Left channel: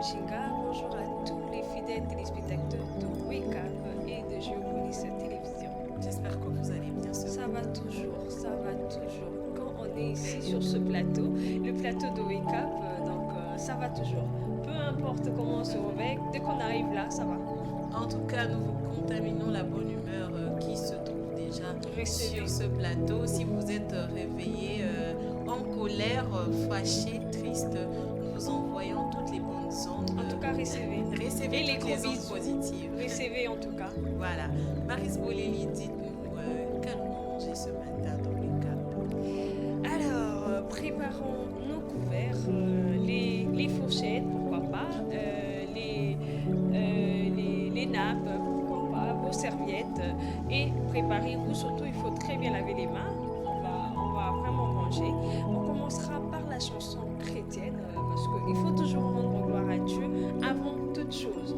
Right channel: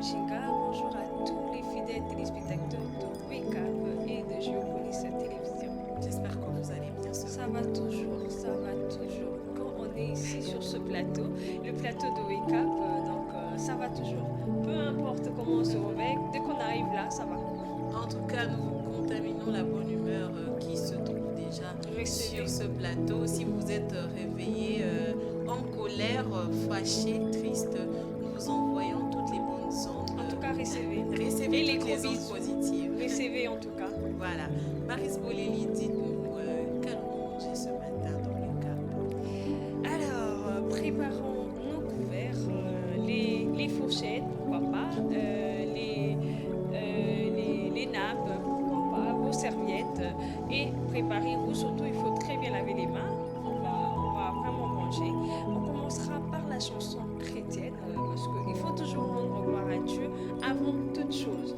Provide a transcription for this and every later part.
Mujinga, bonjour à tous les fidèles téléspectateurs de Wake Up et de Géopolis Télévision. J'espère que vous allez bien Ça va toujours, ça va toujours. Quand on est ici sur ce plateau, le plateau de Wake Up, ça va toujours. Peu importe comment on se réveille, dès qu'on arrive là, ça va. En tout cas, nous vous contaminons la bonne humeur qui se trouve déjà sur ce plateau. Si vous êtes réveillé en colère, fâché, triste, nous vous envoyons toutes les bonnes ondes. En tout cas, recevez. Recevez et toutes les ondes positives. Recevez en tout cas. Voilà. Maris Boleli, dites-nous, qu'allons-nous manger ce matin dans le Cap? Alors, préparons nos couverts, les fourchettes, pourquoi pas, les nappes, pourquoi pas, vos serviettes, et préparez-vous, surtout il faut très bien laver les mains, on va vraiment manger. On commencera par la chanson chrétienne, parce qu'il faut toujours rendre gloire à Dieu avant toute chose.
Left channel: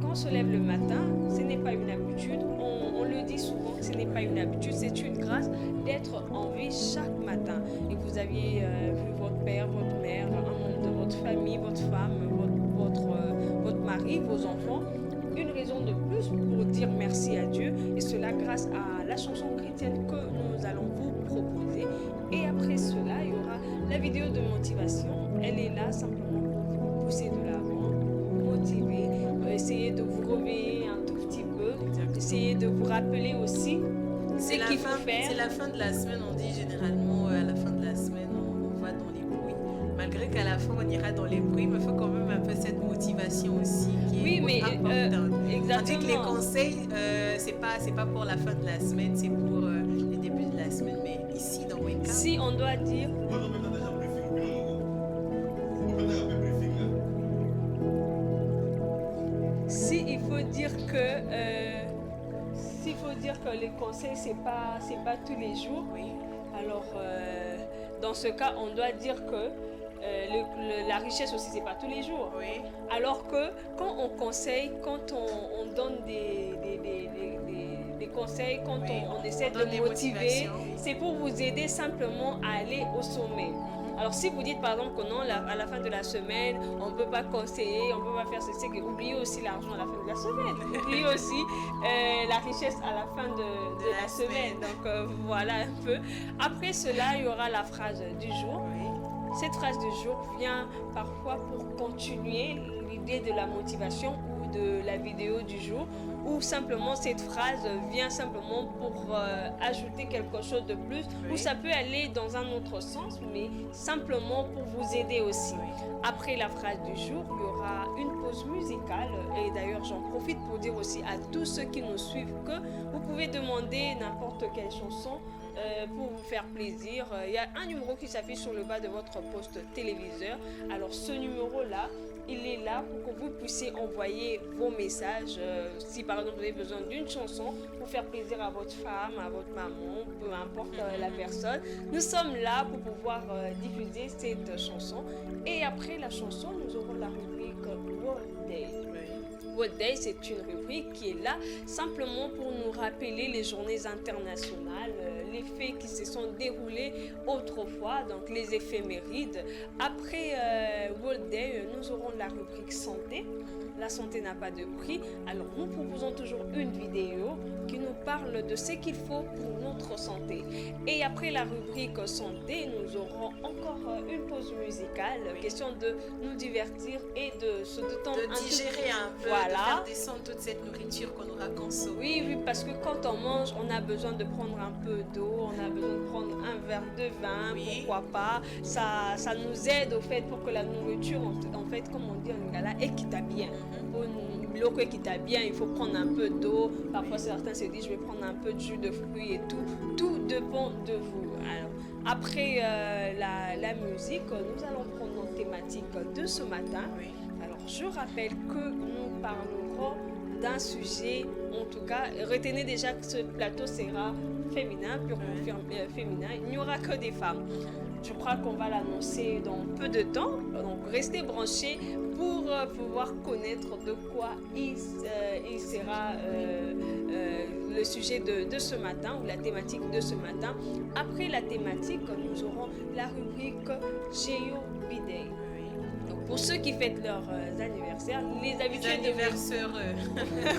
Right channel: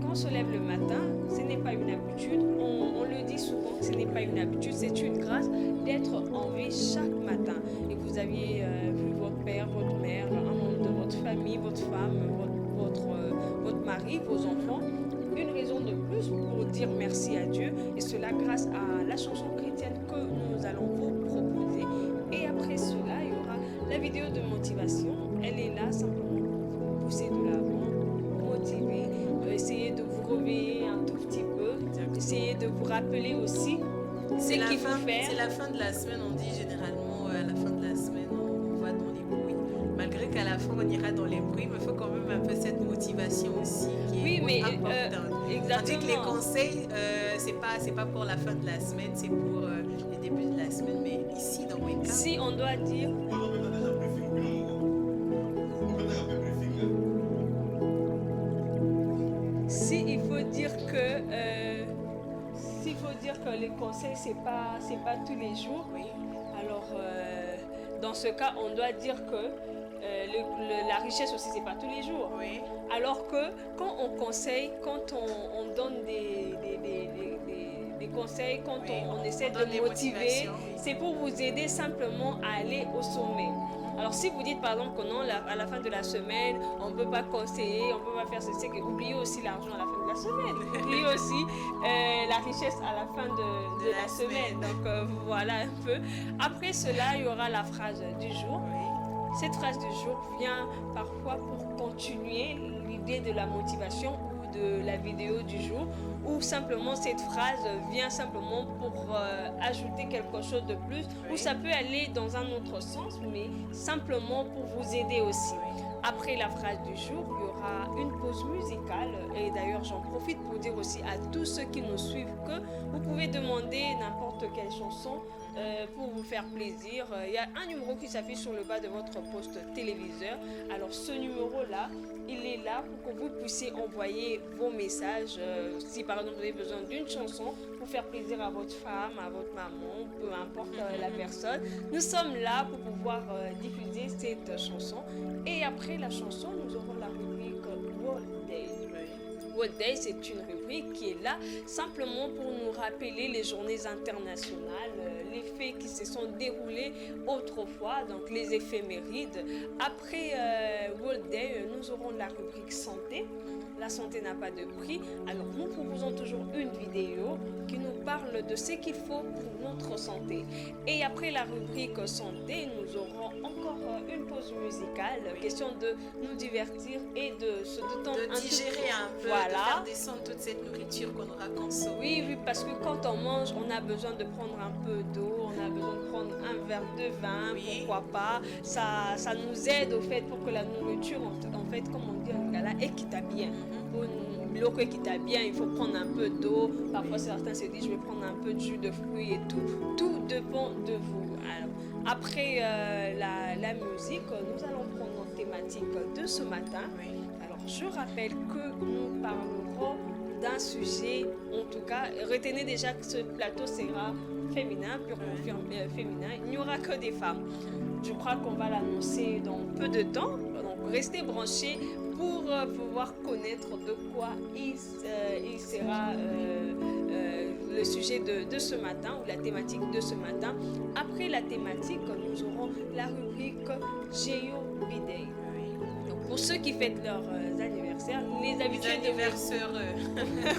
Quand on se lève le matin, ce n'est pas une habitude, on le dit souvent que ce n'est pas une habitude, c'est une grâce d'être en vie chaque matin. Et vous aviez vu votre père, votre mère, un membre de votre famille, votre femme, votre mari, vos enfants, une raison de plus pour dire merci à Dieu, et cela grâce à la chanson chrétienne que nous allons vous proposer. Et après cela, il y aura la vidéo de motivation, elle est là simplement pour vous pousser de l'avant, motiver, essayer de vous réveiller un tout petit peu, essayer de vous rappeler aussi ce qu'il faut faire. C'est la fin de la semaine, on dit généralement à la fin de la semaine on va dans les bruits. Malgré qu'à la fin on ira dans les bruits, mais il faut quand même un peu cette motivation aussi qui est importante. Exactement. On dit que les conseils, c'est pas pour la fin de la semaine, c'est pour le début de la semaine. Mais ici dans Wake Up, si on doit dire... S'il faut dire que les conseils c'est pas tous les jours, oui. Alors dans ce cas on doit dire que la richesse aussi c'est pas tous les jours. Oui. Alors que quand on conseille, quand on donne des conseils, quand oui. on essaie de motiver, c'est pour vous aider simplement à aller au sommet. Alors si vous dites par exemple que non, à la fin de la semaine, on ne peut pas conseiller, on ne peut pas faire ceci, oubliez aussi l'argent à la fin de la semaine, oubliez aussi la richesse à la fin de la semaine. Donc voilà un peu. Après cela, il y aura la phrase du jour. Oui. Cette phrase du jour vient parfois pour continuer l'idée de la motivation ou de la vidéo du jour, ou simplement cette phrase vient simplement pour ajouter quelque chose de plus, oui. Ou ça peut aller dans un autre sens, mais simplement pour vous aider aussi. Oui. Après la phrase du jour, il y aura une pause musicale, et d'ailleurs j'en profite pour dire aussi à tous ceux qui nous suivent que vous pouvez demander n'importe quelle chanson pour vous faire plaisir. Il y a un numéro qui s'affiche sur le bas de votre poste téléviseur. Alors ce numéro-là, il est là pour que vous puissiez envoyer vos messages. Si par exemple vous avez besoin d'une chanson pour faire plaisir à votre femme, à votre maman, peu importe la personne, nous sommes là pour pouvoir diffuser cette chanson. Et après la chanson, nous aurons la rubrique World Day. World Day, c'est une rubrique qui est là simplement pour nous rappeler les journées internationales, les faits qui se sont déroulés autrefois, donc les éphémérides. Après World Day, nous aurons la rubrique santé. La santé n'a pas de prix. Alors nous proposons toujours une vidéo qui nous parle de ce qu'il faut pour notre santé. Et après la rubrique santé, nous aurons encore une pause musicale, oui. Question de nous divertir et de se détendre, de digérer un peu, voilà. De faire descendre toute cette nourriture qu'on aura consommée. Oui, parce que quand on mange, on a besoin de prendre un peu d'eau, on a besoin de prendre un verre de vin, oui. Pourquoi pas. Ça nous aide au fait pour que la nourriture, en fait, comme on dit en lingala, équita bien. Pour une bloc équita bien, il faut prendre un peu d'eau. Parfois, certains se disent, je vais prendre un peu de jus de fruits et tout. Tout dépend de vous. Alors, après la musique, nous allons prendre notre thématique de ce matin. Oui. Alors, je rappelle que nous parlerons d'un sujet, en tout cas, retenez déjà que ce plateau sera féminin, purement féminin. Il n'y aura que des femmes. Je crois qu'on va l'annoncer dans peu de temps. Donc, restez branchés pour pouvoir connaître de quoi il sera le sujet de ce matin ou la thématique de ce matin. Après la thématique, nous aurons la rubrique Géo Bidey. Donc pour ceux qui fêtent leurs anniversaires, les habitués les anniversaires,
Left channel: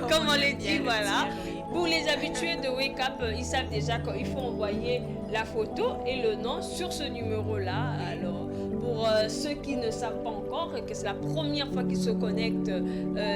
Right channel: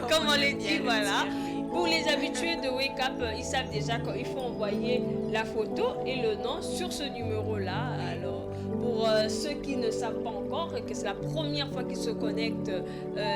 comme on les dit, voilà. Dire, oui. Pour les habitués de Wake Up, ils savent déjà qu'il faut envoyer la photo et le nom sur ce numéro-là. Alors, pour ceux qui ne savent pas encore et que c'est la première fois qu'ils se connectent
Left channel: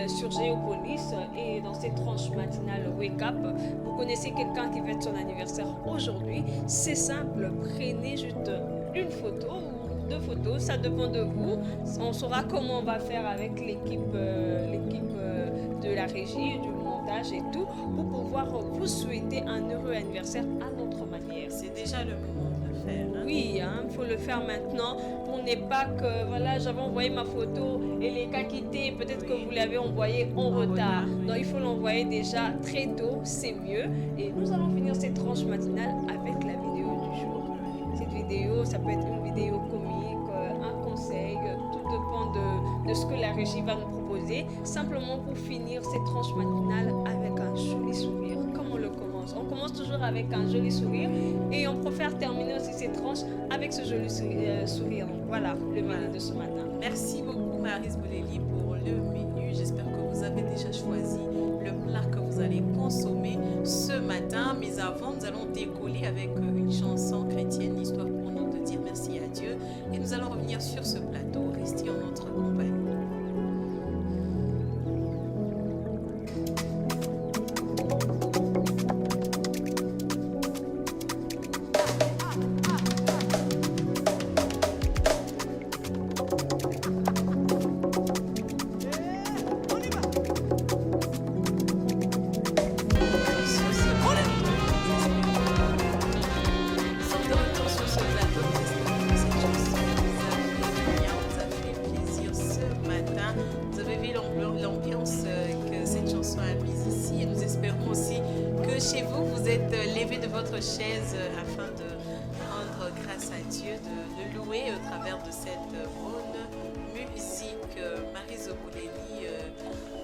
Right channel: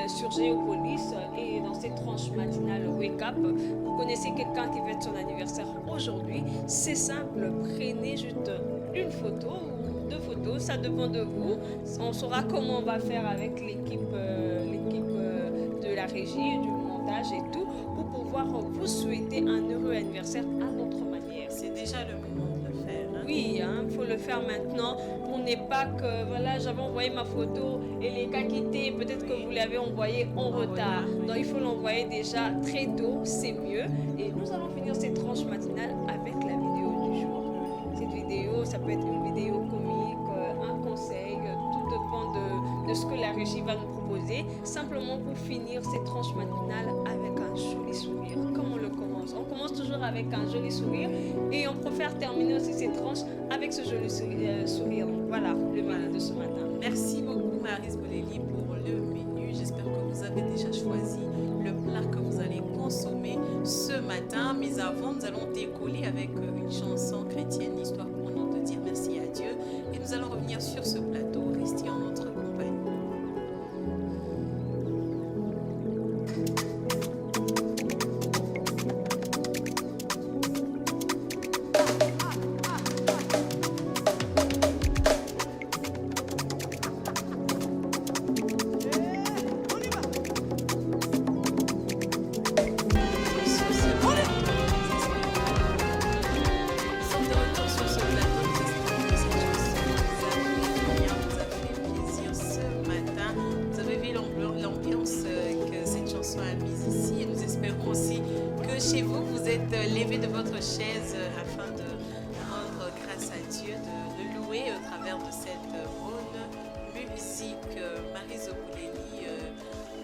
sur Géopolis et dans cette tranche matinale Wake Up, vous connaissez quelqu'un qui fête son anniversaire aujourd'hui, c'est simple, prenez juste une photo ou 2 photos, ça dépend de vous. On saura comment on va faire avec l'équipe de la régie, du montage et tout, pour pouvoir vous souhaiter un heureux anniversaire à notre manière. C'est déjà le moment de le faire. Hein? Oui, il faut le faire maintenant pour ne pas que, voilà, j'avais envoyé ma photo et les cas quittés, peut-être que vous l'avez envoyé en retard. Oui. Donc il faut l'envoyer déjà très tôt, c'est mieux. Et nous allons finir cette tranche matinale avec la vidéo du jour. Cette vidéo, ça peut être une vidéo comique, un conseil, tout dépend de ce que la régie va nous proposer. Simplement pour finir cette tranche matinale avec un joli sourire. Comme on le commence. On commence toujours avec un joli sourire et on préfère terminer aussi cette tranche avec ce joli sourire. Donc voilà le menu de ce matin. Merci beaucoup Maryse Bolelli pour le menu. J'espère que vous avez déjà choisi le plat que vous allez consommer ce matin. Mais avant, nous allons décoller avec une chanson chrétienne, histoire pour nous de dire merci à Dieu. Et nous allons revenir sur ce plateau. Restez en notre compagnie. L'ambiance que cette chanson a mise ici et nous espérons aussi que chez vous, vous êtes levé de votre chaise afin de rendre grâce à Dieu, de le louer au travers de cette bonne musique. Maryse Bolelli,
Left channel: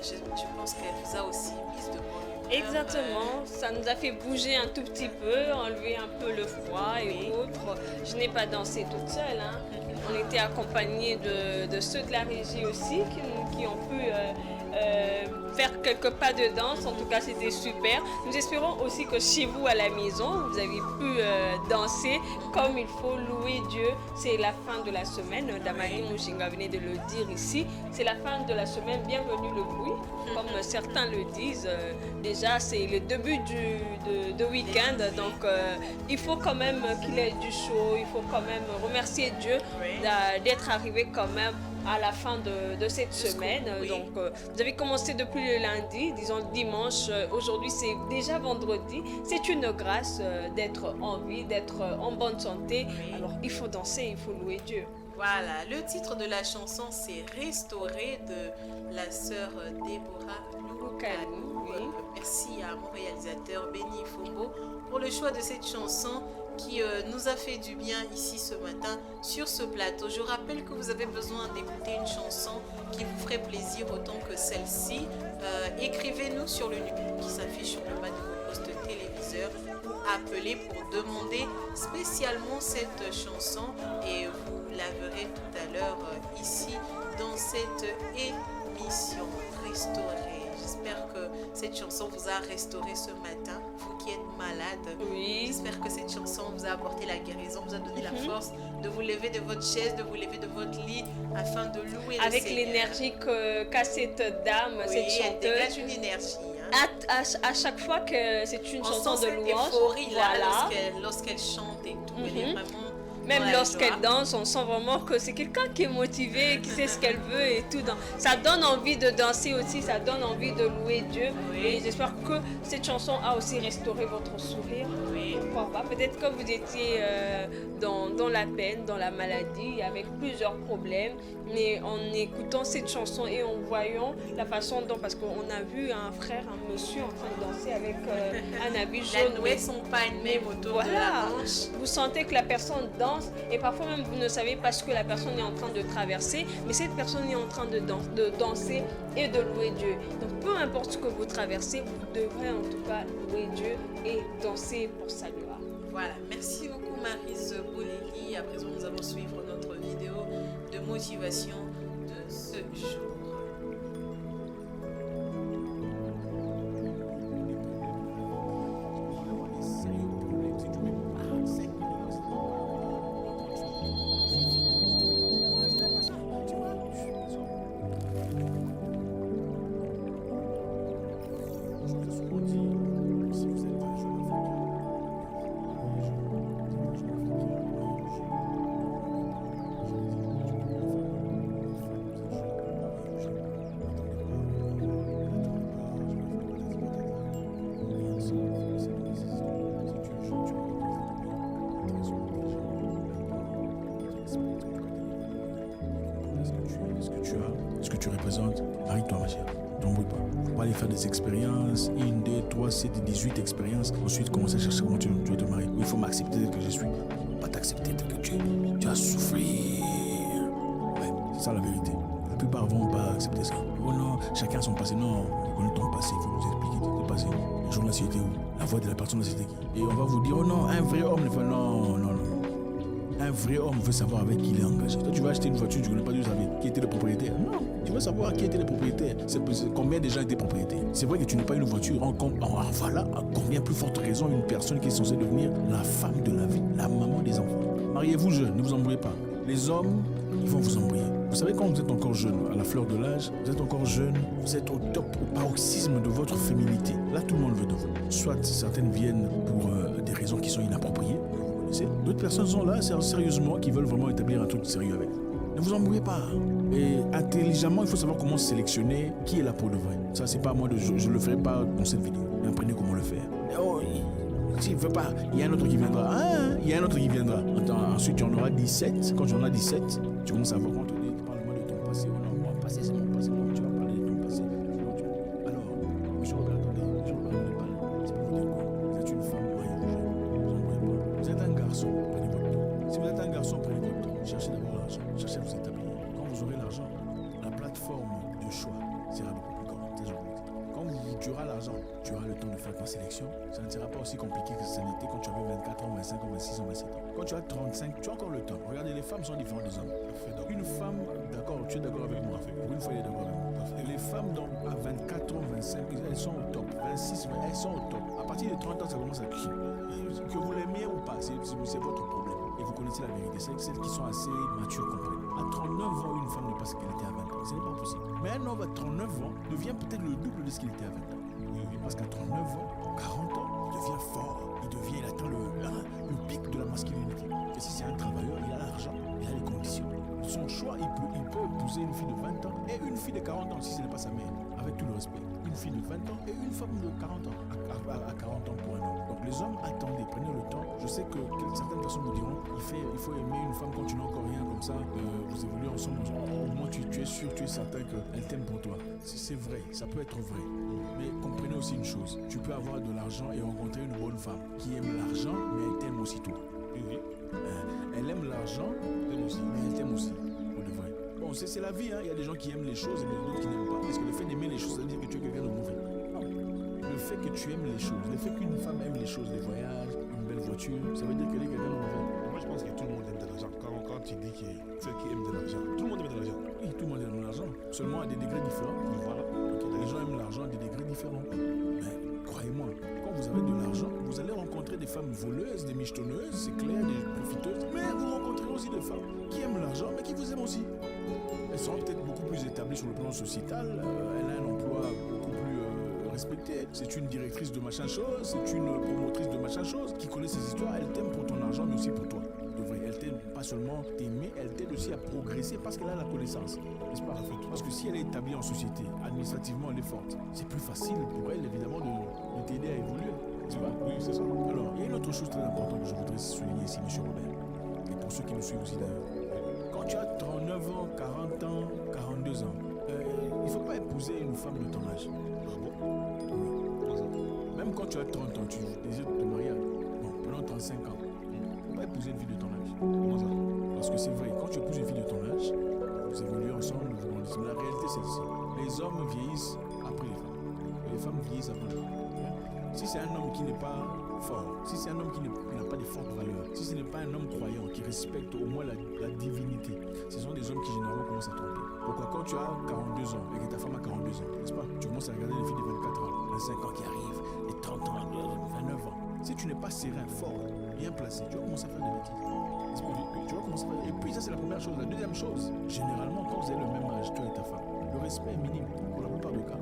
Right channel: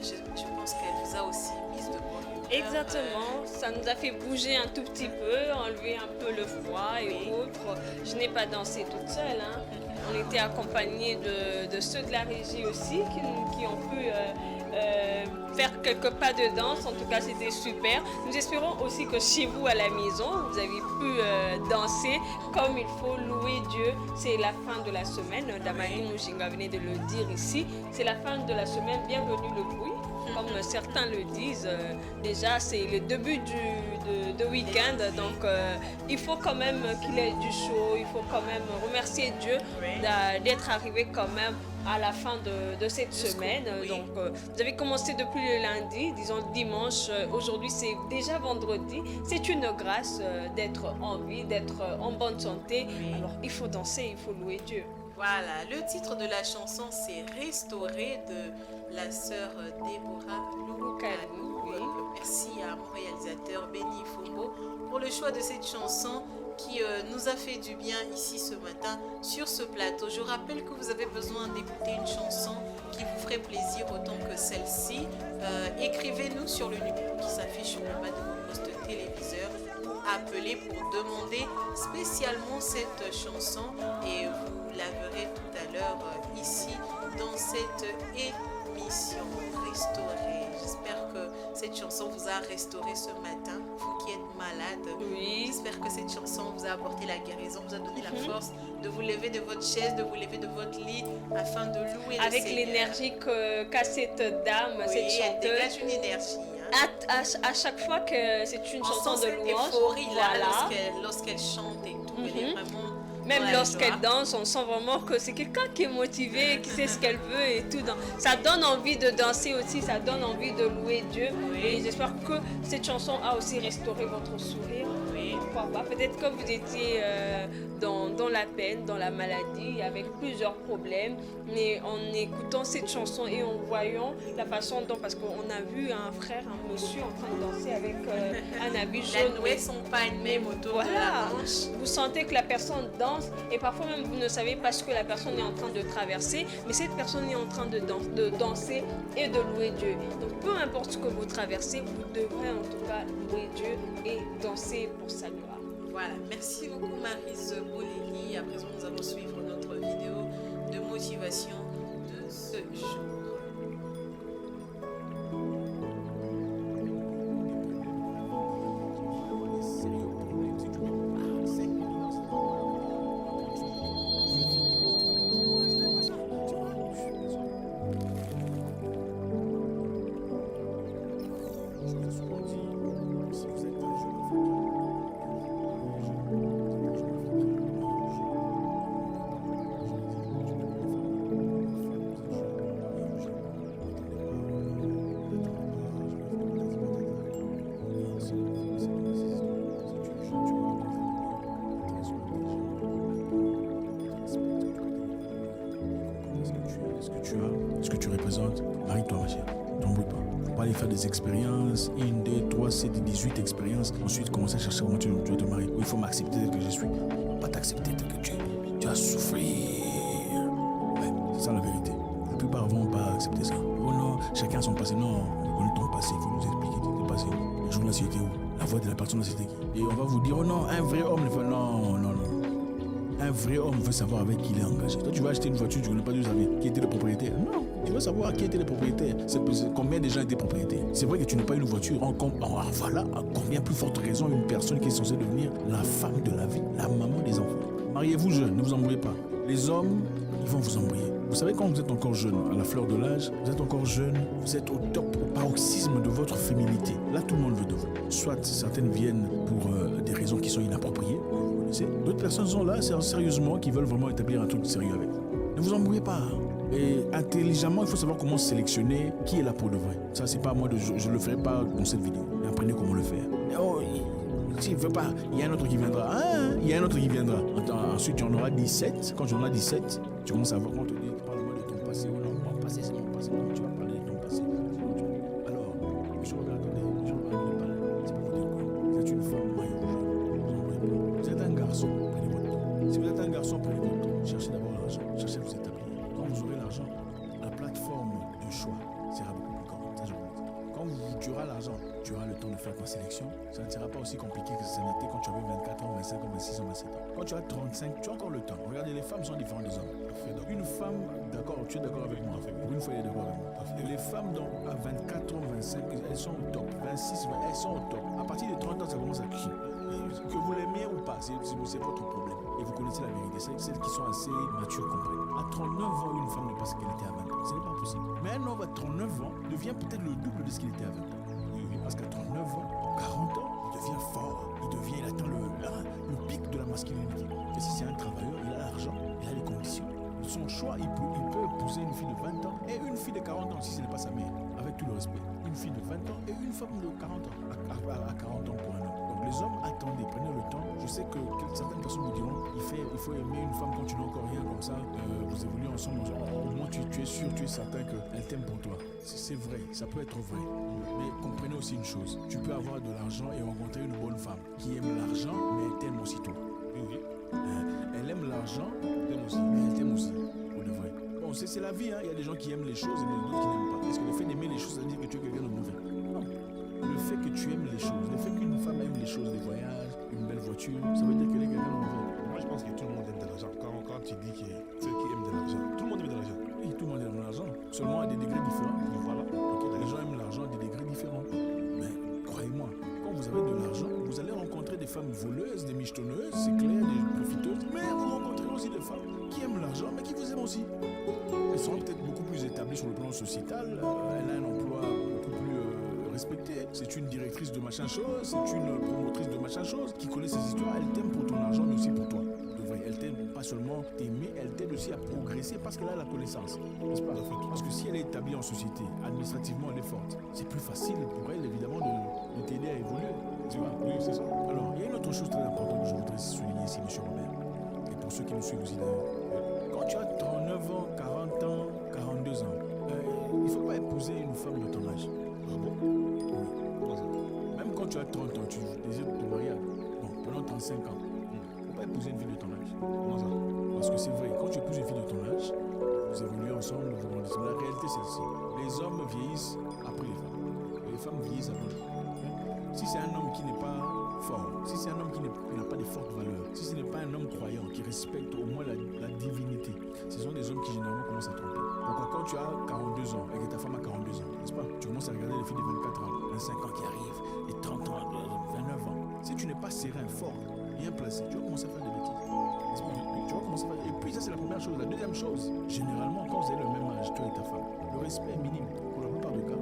je pense qu'elle vous a aussi mise de bonne humeur. Exactement, ça nous a fait bouger un tout petit peu, enlever un peu le froid et autres. Je n'ai pas dansé toute seule, hein. On était accompagnés de ceux de la régie aussi qui ont pu faire quelques pas de danse. En tout cas, c'était super. Nous espérons aussi que chez vous à la maison, vous avez pu danser comme il faut, louer Dieu. C'est la fin de la semaine. Damani Mouchinga venait de le dire ici. C'est la fin de la semaine. Bienvenue le bruit, comme certains le disent. Déjà, c'est le début de week-end. Donc, il faut quand même qu'il y ait du show. Il faut quand même remercier Dieu d'être arrivé quand même à la fin de cette semaine. Donc, vous avez commencé depuis le lundi, disons dimanche. Aujourd'hui, c'est déjà vendredi. C'est une grâce d'être en vie, d'être en bonne santé. Alors, il faut danser, il faut louer Dieu. Voilà, le titre de la chanson, c'est Restaurer de la sœur Déborah Loukalou. Merci à mon réalisateur Benny Fombo pour le choix de cette chanson qui nous a fait du bien ici ce matin sur ce plateau. Je rappelle que vous avez besoin d'écouter une chanson qui vous ferait plaisir autant que celle-ci. Écrivez-nous sur le numéro qui s'affiche sur le bas de vos postes téléviseurs ou appelez pour demander spécialement cette chanson et vous la verrez tout à l'heure ici dans cette émission Restaurer. J'espère que cette chanson vous a restauré ce matin, vous qui êtes malade. Oui. J'espère que cette chanson vous a apporté la guérison, vous a donné la force de vous lever de votre chaise, de vous lever de votre lit afin de louer avec le Seigneur. l'énergie qu'a cette dame, cette chanteuse. Elle dégage une énergie. Hein. À chaque fois que c'est une chanson de louange, euphorie, voilà. lorsqu'elle chante et tout, elle est vraiment... Même lorsqu'elle danse, on sent vraiment que c'est quelqu'un qui est motivé, qui sait ce qu'elle veut et tout. Ça donne envie de danser aussi, ça donne envie de louer Dieu. Et j'espère que cette chanson a aussi restauré votre sourire. Pourquoi pas? Peut-être que vous étiez dans la peine, dans la maladie, avec plusieurs problèmes. Mais en écoutant cette chanson et en voyant la façon dont, parce qu'on a vu un frère, un monsieur en train de danser avec un habit jaune. La nouée son pas même autour de la manche. Vous sentez que la personne danse et parfois même vous ne savez pas ce que la personne est en train de traverser, mais cette personne est en train de danser et de louer Dieu. Donc peu importe ce que vous traversez, vous devrez en tout cas louer Dieu et danser pour sa gloire. Voilà, merci beaucoup Maryse Bolelli. À présent, nous allons suivre notre vidéo de motivation de ce jour. Ce que tu représentes, marie-toi ma chère, t'embrouille pas. Faut pas aller faire des expériences, 1, 2, 3, 7, 18 expériences, ensuite commencer à chercher comment tu vas te marier. Il faut m'accepter tel que je suis. Pas t'accepter tel que tu es. Tu vas souffrir. Ouais, c'est ça la vérité. La plupart vont pas accepter ça. Oh non, chacun a son passé. Non, on connaît ton passé, il faut nous expliquer ton passé. Le jour là c'était où? La voix de la personne là c'était qui? Et on va vous dire, oh non, un vrai homme ne fait non. Un vrai homme veut savoir avec qui il est engagé. Toi, tu vas acheter une voiture, tu ne connais pas d'où ça vient. Qui était le propriétaire? Non. Tu veux savoir qui était le propriétaire. C'est combien de gens étaient propriétaires. C'est vrai que tu n'as pas une voiture. Voilà, à combien plus forte raison une personne qui est censée devenir la femme de la vie, la maman des enfants. Mariez-vous jeune, ne vous embrouillez pas. Les hommes, ils vont vous embrouiller. Vous savez, quand vous êtes encore jeune, à la fleur de l'âge, vous êtes encore jeune, vous êtes au top, au paroxysme de votre féminité. Là, tout le monde veut de vous. Soit certaines viennent pour des raisons qui sont inappropriées. D'autres personnes sont là, sérieusement, qui veulent vraiment établir un truc sérieux avec. Ne vous embrouillez pas. Et intelligemment, il faut savoir comment sélectionner qui est là pour de vrai. Ça, c'est pas à moi je ne le ferai pas dans cette vidéo. Mais apprenez comment le faire. Oh, s'il ne veut pas, il y a un autre qui viendra. Il y a un autre qui viendra. Ensuite, tu en auras 17. Quand tu en as 17, tu commences à voir quand on te dit, parle-moi de ton passé. Oh non, mon passé, c'est mon passé. Non, tu vas parler de ton passé. Alors, monsieur Robert, attendez. Monsieur Robert, ne parle. C'est pour vous dire quoi? Vous êtes une femme, mariez-vous. Vous êtes un garçon, prenez votre temps. Si vous êtes un garçon, prenez votre temps. Cherchez d'abord l'argent. Cherchez à vous établir. Quand vous aurez l'argent, la plateforme de choix sera beaucoup plus grande. Ça, je vous le dis. Quand tu auras l'argent, tu auras le temps de faire ta sélection. Ça ne sera pas aussi compliqué que ça n'était quand tu avais 24 ans, 25 ans, 26 ans, 27 ans. Quand tu as 35, tu as encore le temps. Regardez, les femmes sont différentes des hommes. Une femme, d'accord, tu es d'accord avec moi. Pour une fois, il est d'accord avec moi. Les femmes à 24 ans, 25, elles sont au top. 26, elles sont au top. À partir de 30 ans, ça commence à crier. Que vous l'aimiez ou pas, c'est votre problème. Et vous connaissez la vérité. Celles qui sont assez matures comprennent. À 39 ans, une femme n'est pas ce qu'elle était à 20 ans. Ce n'est pas possible. Mais un homme à 39 ans devient peut-être le double de ce qu'il était à 20 ans. Parce qu'à 39 ans, 40 ans, il devient fort. Il atteint le pic de la masculinité. Et si c'est un travailleur, il a l'argent, il a les conditions. Son choix, il peut épouser une fille de 20 ans et une fille de 40 ans, si ce n'est pas sa mère. Avec tout le respect. Une fille de 20 ans et une femme de 40 ans. À 40 ans pour un homme. Donc les hommes, attendez, prenez le temps. Je sais que certaines personnes vous diront, il faut aimer une femme quand tu n'as encore rien comme ça. Vous évoluez ensemble. Au moins tu es sûr, tu es certain qu'elle t'aime pour toi. C'est vrai, ça peut être vrai. Mais comprenez aussi une chose. Tu peux avoir de l'argent et rencontrer une bonne femme qui aime l'argent, mais elle t'aime aussi toi. Oui. Elle aime l'argent, mais elle t'aime aussi. Pour de vrai. Bon, c'est la vie, hein. Il y a des gens qui aiment les choses et d'autres qui n'aiment pas. Est-ce que le fait d'aimer les choses, ça veut dire que tu es quelqu'un de mauvais? Non. Le fait que tu aimes les choses, le fait qu'une femme aime les choses, les voyages, une belle voiture, ça veut dire qu'elle est quelqu'un de mauvais. Moi, je pense que tout le monde aime de l'argent. Quand tu dis que ceux qui aiment de l'argent, tout le monde aime de l'argent. Oui, tout le monde aime l'argent. Seulement à des degrés différents. Voilà. Okay, les gens aiment l'argent à des degrés différents. Mais croyez-moi, quand vous avez de l'argent, vous allez rencontrer des femmes voleuses, des michetonneuses, c'est clair, des profiteuses. Mais vous rencontrez aussi des femmes qui aiment l'argent, mais qui vous aiment aussi. Elles seront peut-être beaucoup plus établies sur le plan sociétal. Elle a un emploi beaucoup plus respecté. C'est une directrice de machin chose, c'est une promotrice de machin chose qui connaît ses histoires. Elle t'aime pour ton argent, mais aussi pour toi. Elle t'aide pas seulement t'aimer, elle t'aide aussi à progresser parce qu'elle a la connaissance. N'est-ce pas? Parce que si elle est établie en société, administrativement elle est forte, c'est plus facile pour elle évidemment de t'aider à évoluer. N'est-ce pas? Oui, c'est ça. Alors, il y a une autre chose très importante que je voudrais souligner ici, M. Robert. Et pour ceux qui nous suivent aussi d'ailleurs. Quand tu as 39 ans, 40 ans, 42 ans, il ne faut pas épouser une femme de ton âge. Ah bon? Oui. Comment ça? Même quand tu as 30 ans, tu désires te marier. Bon, pendant 35 ans. Pas épouser une fille de ton âge. Comment ça? Parce que c'est vrai, quand tu épouses une fille de ton âge, vous évoluez ensemble, vous grandissez. Mais la réalité, c'est celle-ci. Les hommes vieillissent après les femmes. Et les femmes vieillissent avant les femmes. Si c'est un homme qui n'est pas fort, si c'est un homme qui n'a pas de fortes valeurs, si ce n'est pas un homme croyant qui respecte au moins la divinité, ce sont des hommes qui généralement commencent à tromper. Pourquoi quand tu as 42 ans et que ta femme a 42 ans, n'est-ce pas? Tu commences à regarder les filles de 24 ans, 25 ans qui arrivent, et 30 ans, 29 ans. Si tu n'es pas serein, fort, bien placé, tu vas commencer à faire des bêtises. Oui, tu vas commencer à faire... Et puis ça c'est la première chose. La deuxième chose, généralement quand vous avez le même âge, toi et ta femme, le respect est minime. Pour la plupart des cas,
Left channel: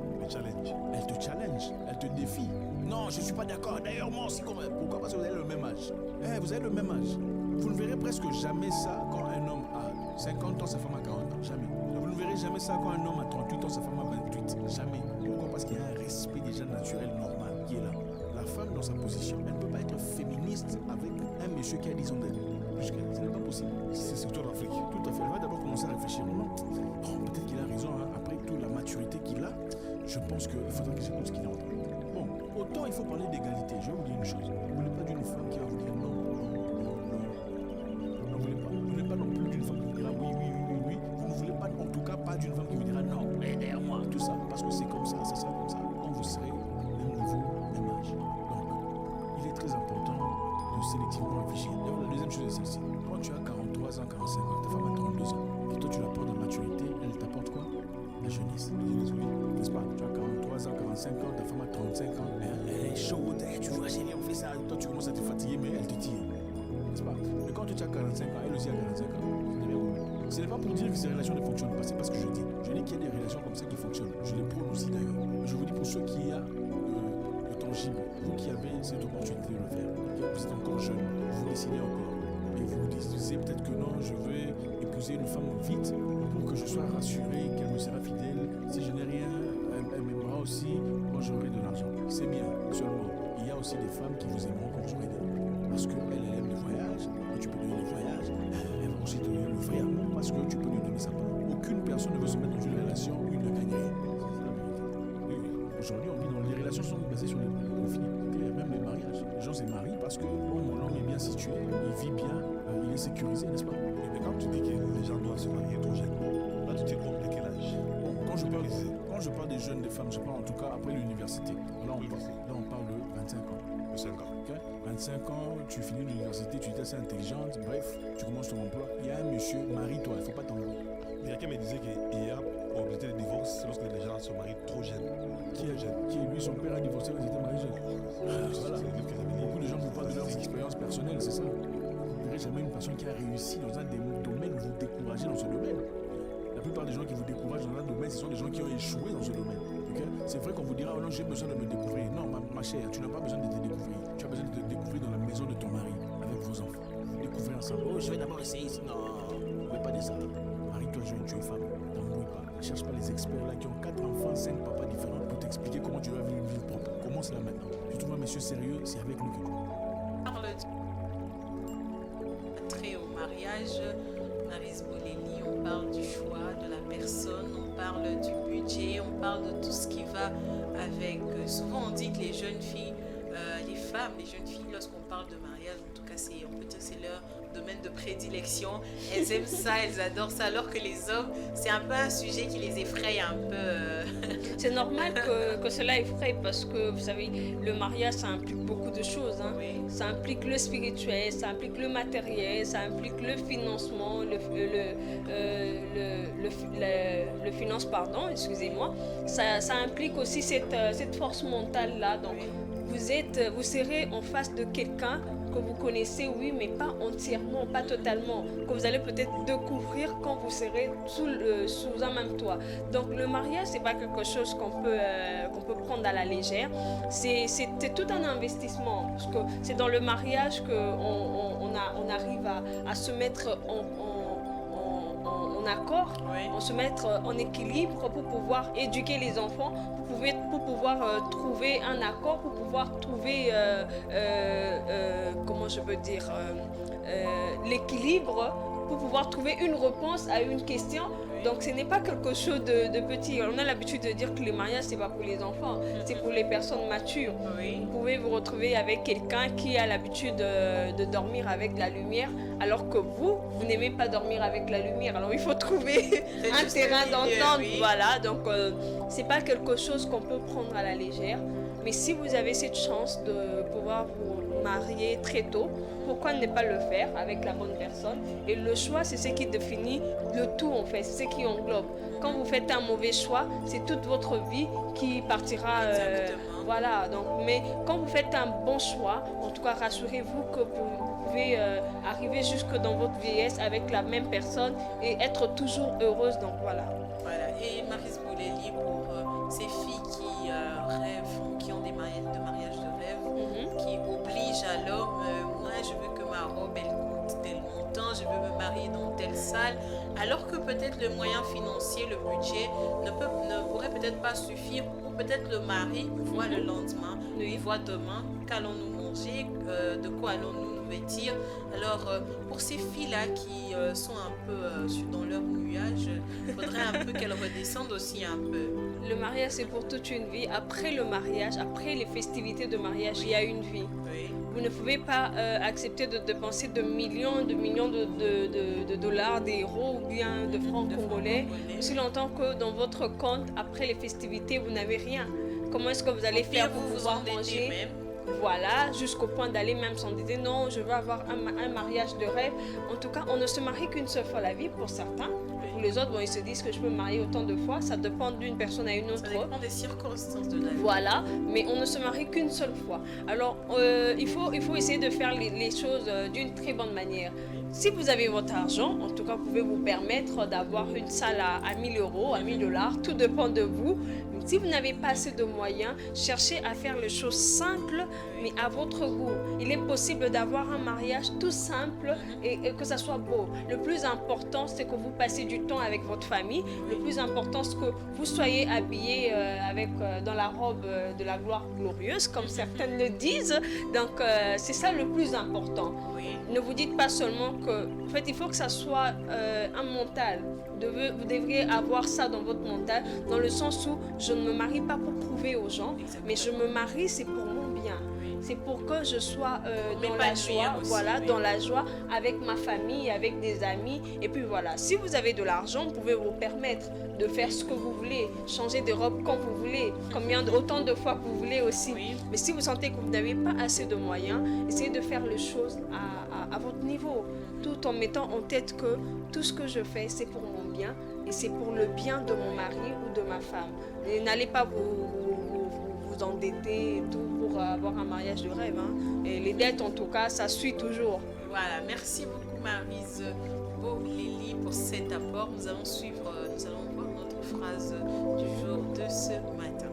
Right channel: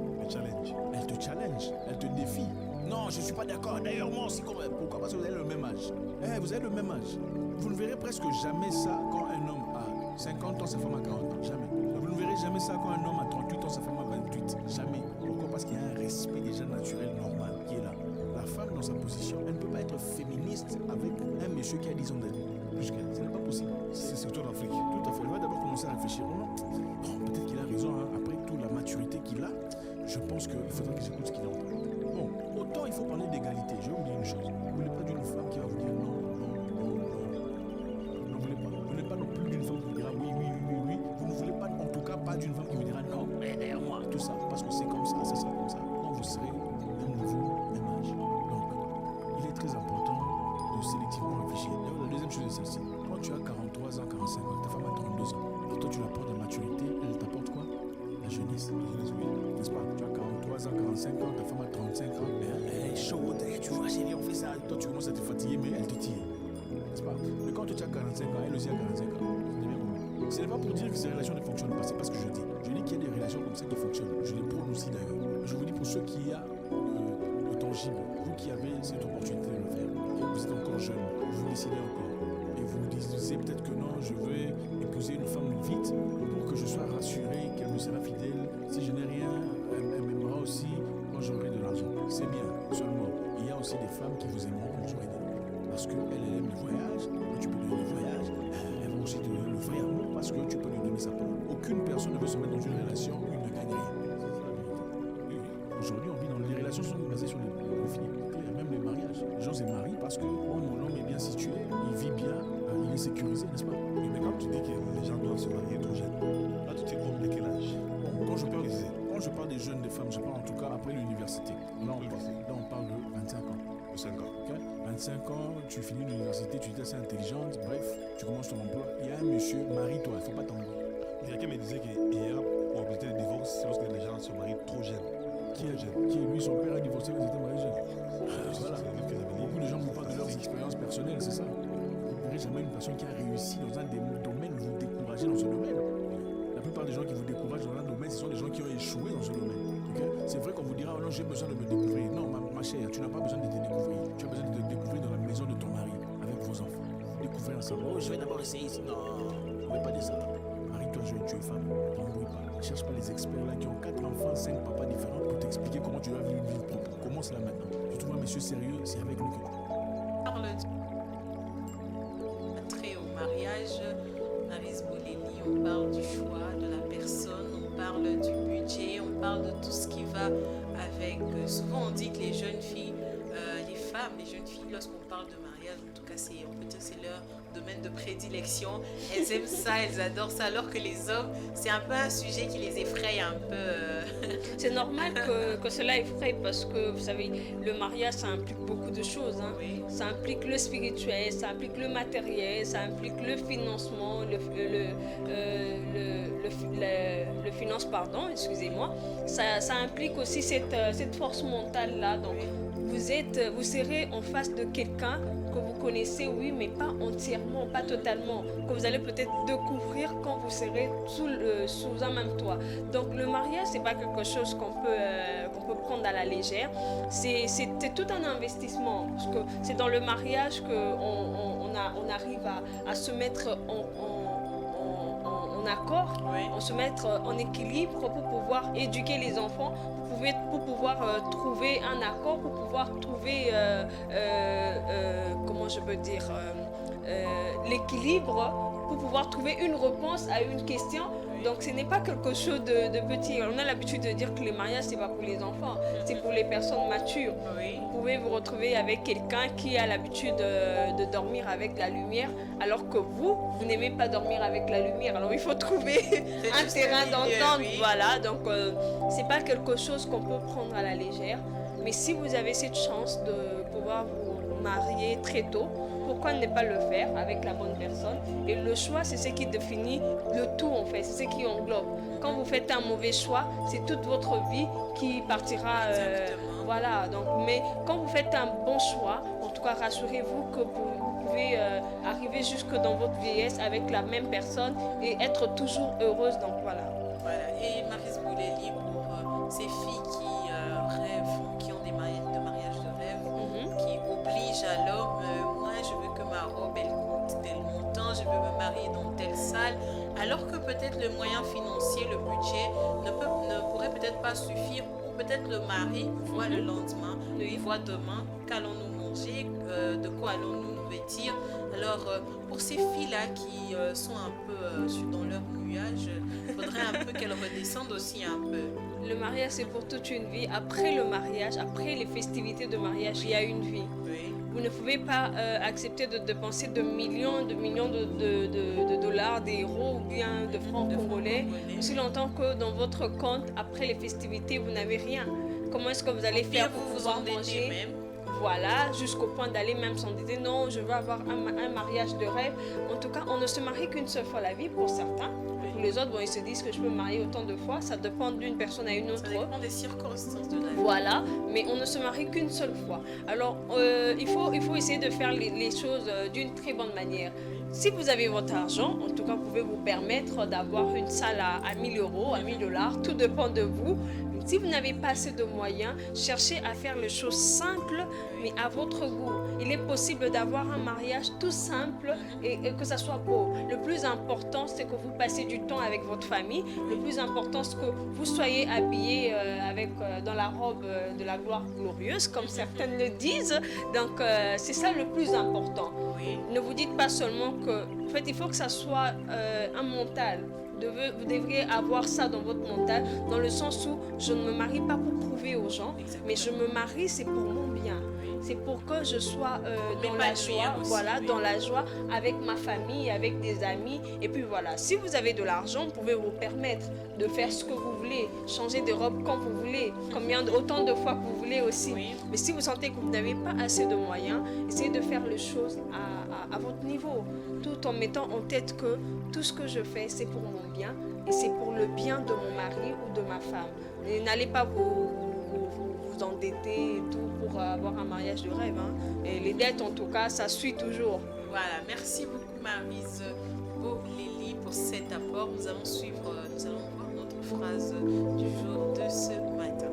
elle te challenge, elle te défie. Non, je ne suis pas d'accord. D'ailleurs, moi aussi, pourquoi? Parce que vous avez le même âge. Vous avez le même âge. Vous ne verrez presque jamais ça quand un homme a 50 ans, sa femme a 40 ans. Jamais. Vous ne verrez jamais ça quand un homme a 38 ans, sa femme a 28. Jamais. Pourquoi? Parce qu'il y a un respect déjà naturel, normal, qui est là. La femme dans sa position, elle ne peut pas être féministe avec un monsieur qui a 10 ans d'elle. Plus qu'elle. Ce n'est pas possible. C'est surtout en Afrique. Tout à fait. Elle va d'abord commencer à réfléchir. Non, peut-être qu'il a raison. Hein. Après toute la maturité qu'il a, je pense qu'il faudra que j'écoute ce qu'il a en parler. Bon, autant il faut parler d'égalité. Je vais vous dire une chose. Vous ne voulez pas d'une femme qui va vous dire non. Vous ne voulez pas. Vous n'êtes pas non plus d'une femme qui vous dira oui. Vous ne voulez pas, en tout cas, pas d'une femme qui vous dira non, mais derrière moi, tout ça. Parce que c'est comme ça, ça sera comme ça. Quand vous serez même niveau, même âge. Donc, il est très important de sélectivement réfléchir. D'ailleurs, la deuxième chose est celle-ci. Quand tu as 43 ans, 45 ans, ta femme a 32 ans, et toi tu l'apportes de maturité, elle t'apporte quoi? La jeunesse, oui. N'est-ce pas? Tu as 43 ans, 45 ans, ta femme a 35 ans, elle est chaude, tu vois chérie, on fait ça, toi tu commences à te fatiguer, mais elle te tire. N'est-ce pas? Mais quand tu as 45 ans, elle aussi a 45 ans, c'est bien compris. Ce n'est pas pour dire que ces relations ne fonctionnent pas, c'est pas ce que je dis. Je dis qu'il y a des relations comme ça qui fonctionnent. Je les prône aussi d'ailleurs. Je vous dis pour ceux qui ont le tangible, vous qui avez cette opportunité de le faire, vous êtes encore jeune, vous décidez encore. Et vous vous disiez peut-être que non, je veux épouser une femme vite pour que je sois rassuré qu'elle me sera fidèle. Si je n'ai rien, elle m'aimera aussi quand j'aurai de l'argent. C'est bien, seulement, il y a aussi des femmes qui vous aimeront quand vous aurez de l'argent. Parce qu'elle aime le voyage, quand tu peux donner le voyage, elle va aussi te donner le vrai amour parce que tu peux lui donner sa parole. Aucune personne ne veut se mettre dans une relation où il ne gagne rien. C'est la vérité. Oui. Aujourd'hui, on vit dans les relations sont basées sur les conflits. Même les mariages. Les gens se marient parce que mon homme est bien situé, il vit bien, il est sécurisé, n'est-ce pas? Oui, mais quand tu dis que les gens doivent se marier trop jeunes, là tu te comptes de quel âge? Bon, quand je parle des jeunes, des femmes, je parle en tout cas après l'université. Là, on parle de 25 ans. 5 ans. Okay? 25 ans, tu finis l'université, tu es assez intelligente, bref, tu commences ton emploi. Il y a un monsieur, marie-toi, il ne faut pas t'embrouiller. Quelqu'un me disait qu'il y a probabilité de divorce lorsque les gens se marient trop jeunes. Qui lui, son père a divorcé quand il était marié jeune. Voilà. Beaucoup de gens vous parlent de leurs expériences personnelles, c'est ça. Vous ne verrez jamais une personne qui a réussi dans un domaine, vous découragez dans ce domaine. La plupart des gens qui vous découragent dans un domaine, ce sont des gens qui ont échoué dans ce domaine. Okay? C'est vrai qu'on vous dira, oh non, j'ai besoin de me découvrir. Non, ma chère, tu n'as pas besoin de te découvrir. Tu as besoin de te découvrir dans la maison de ton mari, avec vos enfants. Vous découvrez ensemble. Oh, je vais d'abord essayer ici. Non, ne fais pas de ça. Marie-toi jeune, tu es femme. T'embrouille pas. Ne cherche pas les experts là qui ont 4 enfants, 5 papas différents pour t'expliquer comment tu dois vivre une vie propre. Commence là maintenant. Si tu trouves un monsieur sérieux, c'est avec lui que tu parle trait au mariage. Maryse Bolelli, on parle du choix de la personne, on parle du budget, on parle de tout ce qui va avec. Souvent on dit que les jeunes filles, les femmes, les jeunes filles, lorsqu'on parle de mariage, en tout cas on peut dire que c'est leur domaine de prédilection. Elles aiment ça, elles adorent ça, alors que les hommes, c'est un peu un sujet qui les effraie un peu. C'est normal que cela effraie parce que, vous savez, le mariage, ça implique beaucoup de choses. Hein. Oui. Ça implique le spirituel, ça implique le matériel, ça implique le financement, le finance, pardon, excusez-moi. Ça implique aussi cette force mentale-là. Donc, vous serez en face de quelqu'un que vous connaissez, oui, mais pas entièrement, pas totalement, que vous allez peut-être découvrir quand vous serez sous un même toit. Donc le mariage, c'est pas quelque chose qu'on peut prendre à la légère. C'est tout un investissement, parce que c'est dans le mariage qu'on arrive à se mettre en accord, oui. On se mettre en équilibre pour pouvoir éduquer les enfants, pour pouvoir trouver un accord, pour pouvoir trouver, comment je peux dire, l'équilibre, pour pouvoir trouver une réponse à une question. Donc ce n'est pas quelque chose de petit. On a l'habitude de dire que le mariage, c'est pas pour les enfants, c'est pour les personnes matures. Oui. Vous pouvez vous retrouver avec quelqu'un qui a l'habitude de dormir avec la lumière, alors que vous n'aimez pas dormir avec la lumière. Alors il faut trouver un terrain d'entente. Oui. Voilà, donc c'est pas quelque chose qu'on peut prendre à la légère. Mais si vous avez cette chance de pouvoir vous marier très tôt. Pourquoi ne pas le faire avec la bonne personne? Et le choix, c'est ce qui définit le tout en fait, c'est ce qui englobe. Quand vous faites un mauvais choix, c'est toute votre vie qui partira. Voilà, donc, mais quand vous faites un bon choix, en tout cas, rassurez-vous que vous pouvez arriver jusque dans votre vieillesse avec la même personne et être toujours heureuse. Donc voilà. Voilà. Et Maryse Bouleli, pour ces filles qui rêvent, qui ont des mariages de rêve, qui obligent à l'homme, moi je veux que ma robe elle coûte tel montant, je veux me marier dans telle salle, alors que peut-être le moyen financier, le budget ne pourrait peut-être pas suffire, ou peut-être le mari voit le lendemain, il voit demain, qu'allons-nous manger, de quoi allons-nous nous vêtir. Alors pour ces filles-là qui sont un peu dans leur nuage, il faudrait un peu qu'elles redescendent aussi un peu. Le mariage, c'est pour toute une vie. Après le mariage, après les festivités de mariage, il y a une vie. Oui. Vous ne pouvez pas accepter de dépenser de millions de dollars, d'euros ou bien de francs congolais aussi longtemps que dans votre compte, après les festivités, vous n'avez rien. Comment est-ce que vous allez faire pour pouvoir manger même? Voilà, jusqu'au point d'aller même s'endetter. Non, je veux avoir un mariage de rêve. En tout cas, on ne se marie qu'une seule fois la vie pour certains. Pour les autres, bon, ils se disent que je peux me marier autant de fois. Ça dépend d'une personne à une autre. Ça dépend des circonstances de la vie. Voilà, mais on ne se marie qu'une seule fois. Alors, il faut essayer de faire les choses d'une très bonne manière. Si vous avez votre argent, en tout cas, vous pouvez vous permettre d'avoir une salle à 1000 euros, à 1000 dollars. Tout dépend de vous. Si vous n'avez pas assez de moyens, cherchez à faire les choses simples, mais à votre goût. Il est possible d'avoir un mariage tout simple et que ça soit beau. Le plus important, c'est que vous passez du temps avec votre famille. Le plus important, c'est que vous soyez habillés dans la robe de la gloire glorieuse, comme certaines le disent. Donc, c'est ça le plus important. Ne vous dites pas seulement que... En fait, il faut que ça soit un mental. Vous devriez avoir ça dans votre mental, dans le sens où je ne me marie pas pour prouver aux gens, mais je me marie, c'est pour mon bien. C'est pour que je sois dans la joie, voilà, dans la joie avec ma famille, avec des amis. Et puis voilà, si vous avez de l'argent, vous pouvez vous permettre de faire ce que vous voulez, changer de robe quand vous voulez, autant de fois que vous voulez aussi. Mais si vous sentez que vous n'avez pas assez de moyens, essayez de faire les choses à votre niveau, tout en mettant en tête que tout ce que je fais, c'est pour mon bien et c'est pour le bien de mon mari ou de ma femme. Et n'allez pas vous endetter et tout pour avoir un mariage de rêve. Hein. Et les dettes, en tout cas, ça suit toujours. Voilà, merci beaucoup Maryse Bouleli pour cet apport. Nous allons voir notre phrase du jour de ce matin.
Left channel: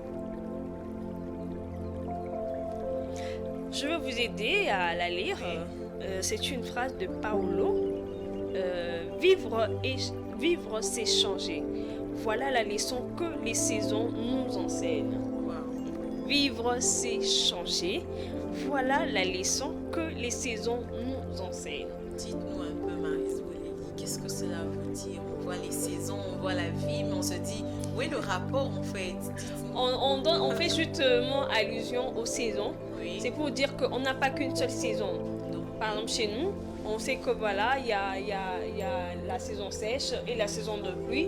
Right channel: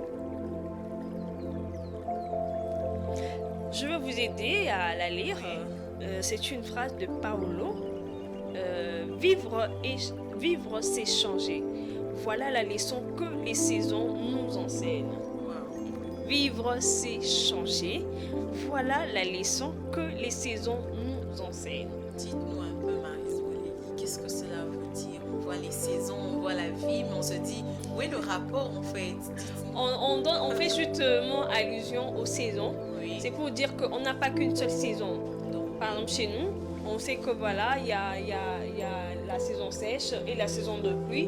Je vais vous aider à la lire. C'est une phrase de Paolo. Vivre, c'est changer. Voilà la leçon que les saisons nous enseignent. Vivre, c'est changer. Voilà la leçon que les saisons nous enseignent. Dites-nous un peu, Maryse Bouleli, qu'est-ce que cela veut dire? On voit les saisons, on voit la vie, mais on se dit, où est le rapport en fait? On fait justement allusion aux saisons. Oui. C'est pour dire qu'on n'a pas qu'une seule saison. Par exemple, chez nous, on sait que voilà, il y a la saison sèche et la saison de pluie.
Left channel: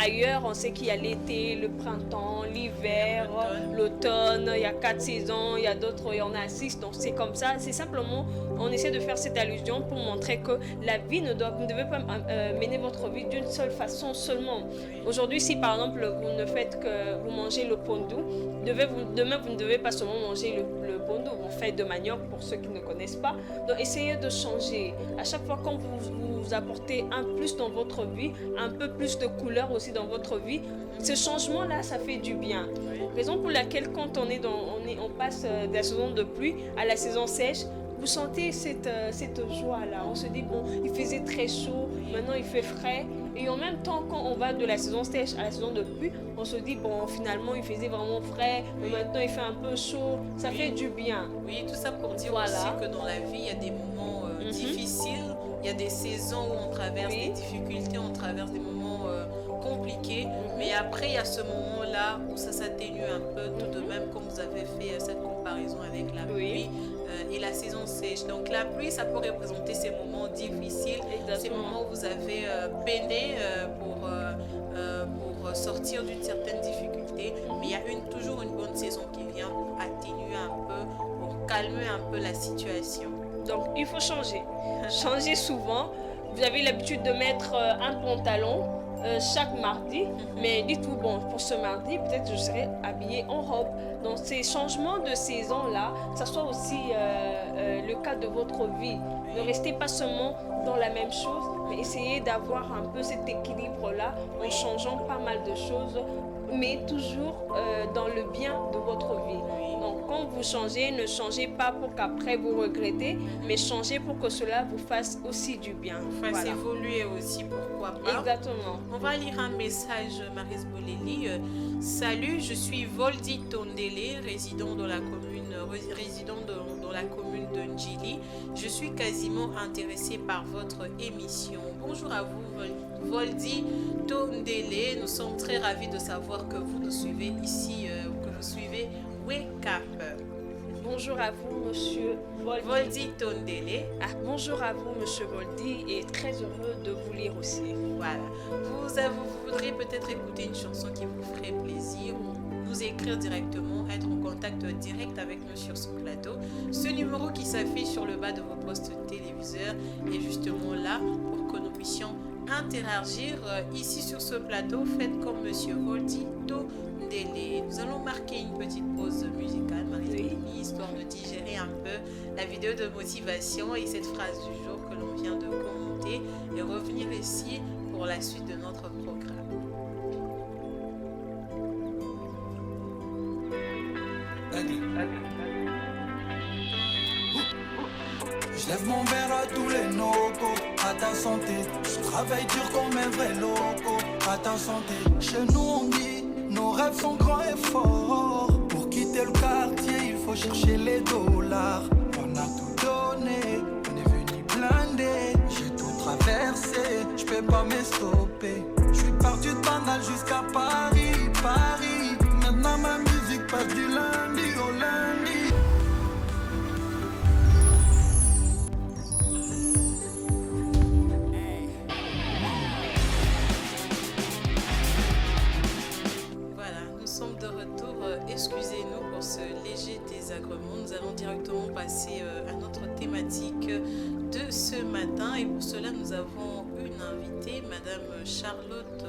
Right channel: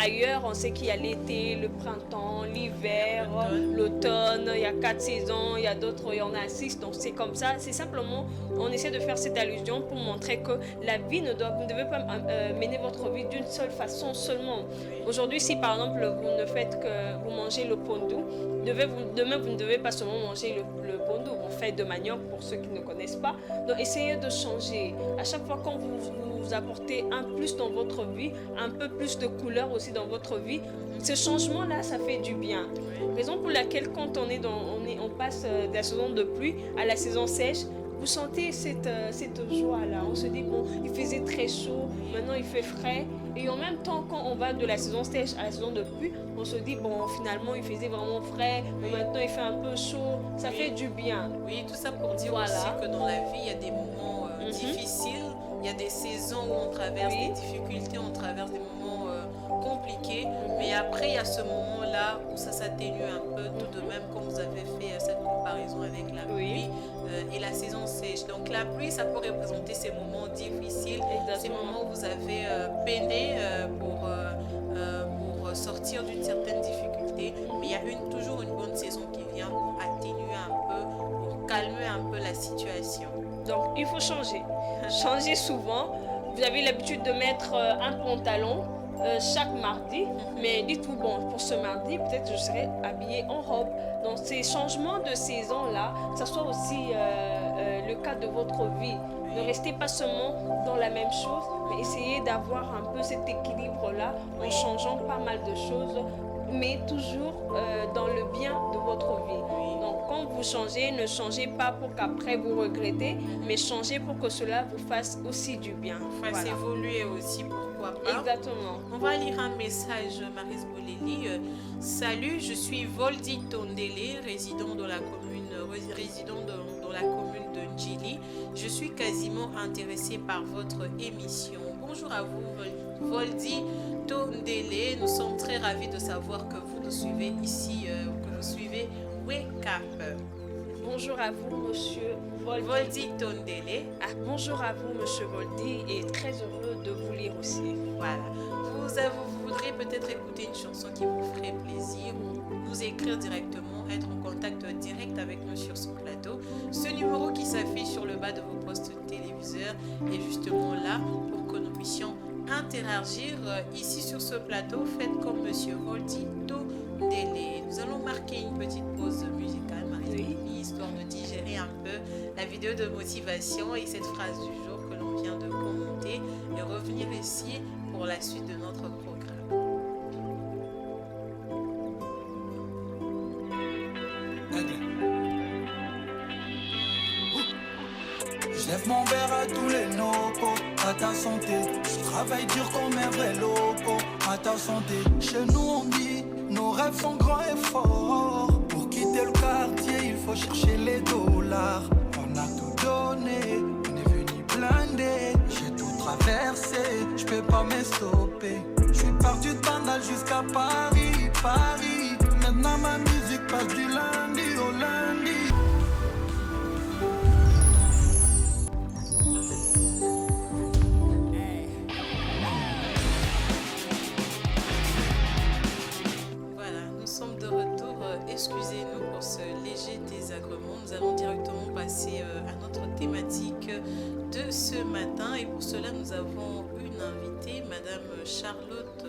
Ailleurs, on sait qu'il y a l'été, le printemps, l'hiver, l'automne. Il y a 4 saisons, il y a d'autres, il y en a 6. Donc c'est comme ça. C'est simplement, on essaie de faire cette allusion pour montrer que la vie vous ne devez pas mener votre vie d'une seule façon seulement. Aujourd'hui, si par exemple vous ne faites que vous mangez le pondu, demain vous ne devez pas seulement manger le pondu. Vous faites de manioc pour ceux qui ne connaissent pas. Donc essayez de changer. À chaque fois quand vous apportez un plus dans votre vie, un peu plus de couleur aussi dans votre vie, ce changement-là, ça fait du bien. Raison pour laquelle quand on passe de la saison de pluie à la saison sèche, vous sentez cette joie-là. On se dit, bon, il faisait très chaud, maintenant il fait frais. Et en même temps, quand on va de la saison sèche à la saison de pluie, on se dit, bon, finalement, il faisait vraiment frais, mais maintenant il fait un peu chaud. Ça fait du bien. Oui, tout ça pour dire aussi que dans la vie, il y a des moments difficiles. Il y a des saisons où on traverse des difficultés, on traverse des moments compliqués. Mais après, il y a ce moment-là où ça s'atténue un peu, tout de même, comme vous avez fait cette comparaison avec la pluie et la saison sèche. Donc la pluie, ça peut représenter ces moments difficiles, ces moments où vous avez peiné pour sortir d'une certaine difficulté. côté, mais il y a toujours une bonne saison qui vient pour atténuer un peu, pour calmer un peu la situation. Donc, il faut changer. Changer souvent. Vous avez l'habitude de mettre un pantalon chaque mardi, mais dites-vous, bon, pour ce mardi, peut-être je serai habillée en robe. Donc, ces changements de saison-là, ça soit aussi le cas de votre vie. Ne restez pas seulement dans la même chose, mais essayez d'avoir un peu cet équilibre-là en changeant pas mal de choses, mais toujours dans le bien de votre vie. Donc, quand vous changez, ne changez pas pour qu'après vous regrettez, mais changez pour que cela vous fasse aussi du bien. Fasse évoluer aussi, pourquoi pas. Exactement. On va lire un message, Maris Boleli. Salut, je suis Voldi Tondele, résident dans la commune de Ndjili. Je suis quasiment intéressée par votre émission. Bonjour à vous, Voldi Tondele. Nous sommes très ravis de savoir que vous nous suivez ici, que vous suivez Wake Up. Bonjour à vous, monsieur Voldi Tondele. Bonjour à vous, monsieur Voldi, et très heureux de vous lire aussi. Voilà. Vous voudrez peut-être écouter une chanson qui vous ferait plaisir ou nous écrire directement, être en contact direct avec nous sur ce plateau. Ce numéro qui s'affiche sur le bas de vos postes téléviseurs est justement là pour que nous puissions interagir ici sur ce plateau. Faites comme monsieur Voldi Tondele. Nous allons marquer une petite pause musicale, Marie, histoire de digérer un peu la vidéo de motivation et cette phrase du jour que l'on vient de commenter et revenir ici pour la suite de notre programme. Je lève mon verre à tous les locaux, à ta santé. Je travaille dur comme un vrai loco, à ta santé. Chez nous on dit, nos rêves sont grands et forts. Pour quitter le quartier, il faut chercher les dollars. On a tout donné, on est venu blindé. J'ai tout traversé, je peux pas me stopper. Je suis parti de Bandal jusqu'à Paris, Paris. Maintenant ma musique passe du lundi au lundi. De retour, excusez-nous pour ce léger désagrément. Nous allons directement passer à notre thématique de ce matin et pour cela nous avons une invitée, Madame Charlotte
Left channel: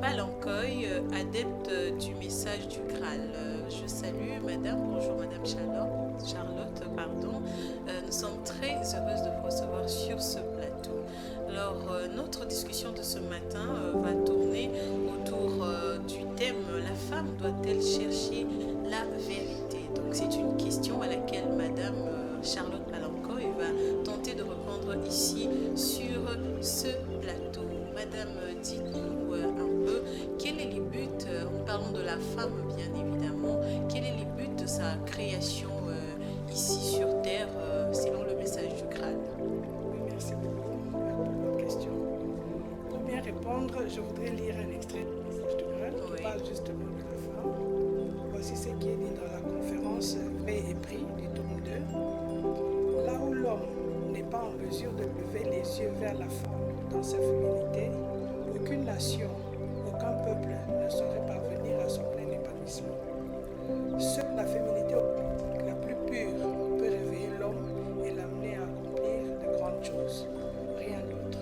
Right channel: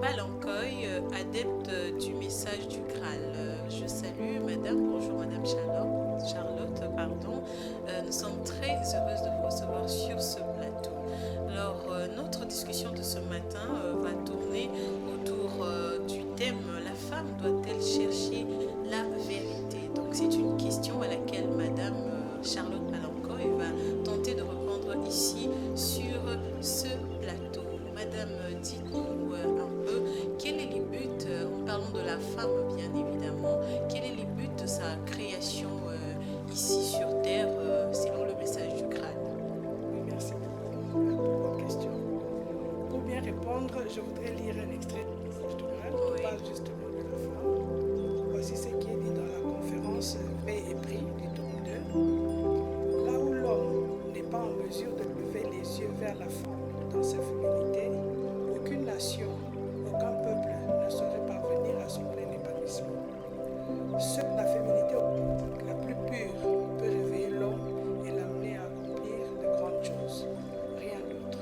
Palancoy, adepte du message du Graal. Je salue Madame, bonjour Madame Charlotte, pardon. Nous sommes très heureuses de vous recevoir sur ce plateau. Alors, notre discussion de ce matin va tourner autour du thème « La femme doit-elle chercher la vérité ?» Donc, c'est une question à laquelle Madame Charlotte Palancoy va tenter de répondre ici sur ce plateau. Madame, dites-nous un peu, quel est le but, en parlant de la femme bien évidemment, quel est le but de sa création ici sur Terre selon le message du Graal? Merci beaucoup pour votre question. Pour bien répondre, je voudrais lire un extrait du message du Graal qui parle justement de la femme. Voici ce qui est dit dans la conférence Paix et Prix du tome 2. Là où l'homme n'est pas en mesure de lever les yeux vers la femme dans sa féminité, aucune nation, aucun peuple ne saurait parvenir à son plein épanouissement. Seule la féminité la plus pure peut réveiller l'homme et l'amener à accomplir de grandes choses, rien d'autre.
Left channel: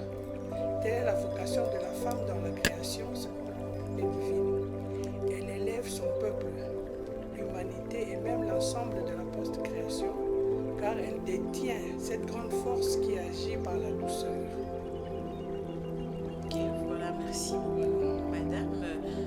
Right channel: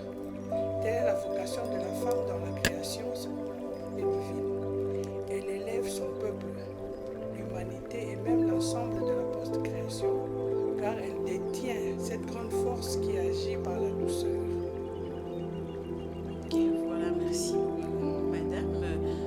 Telle est la vocation de la femme dans la création divine. Elle élève son peuple, l'humanité et même l'ensemble de la post-création, car elle détient cette grande force qui agit par la douceur. Ok, voilà, merci beaucoup, Madame.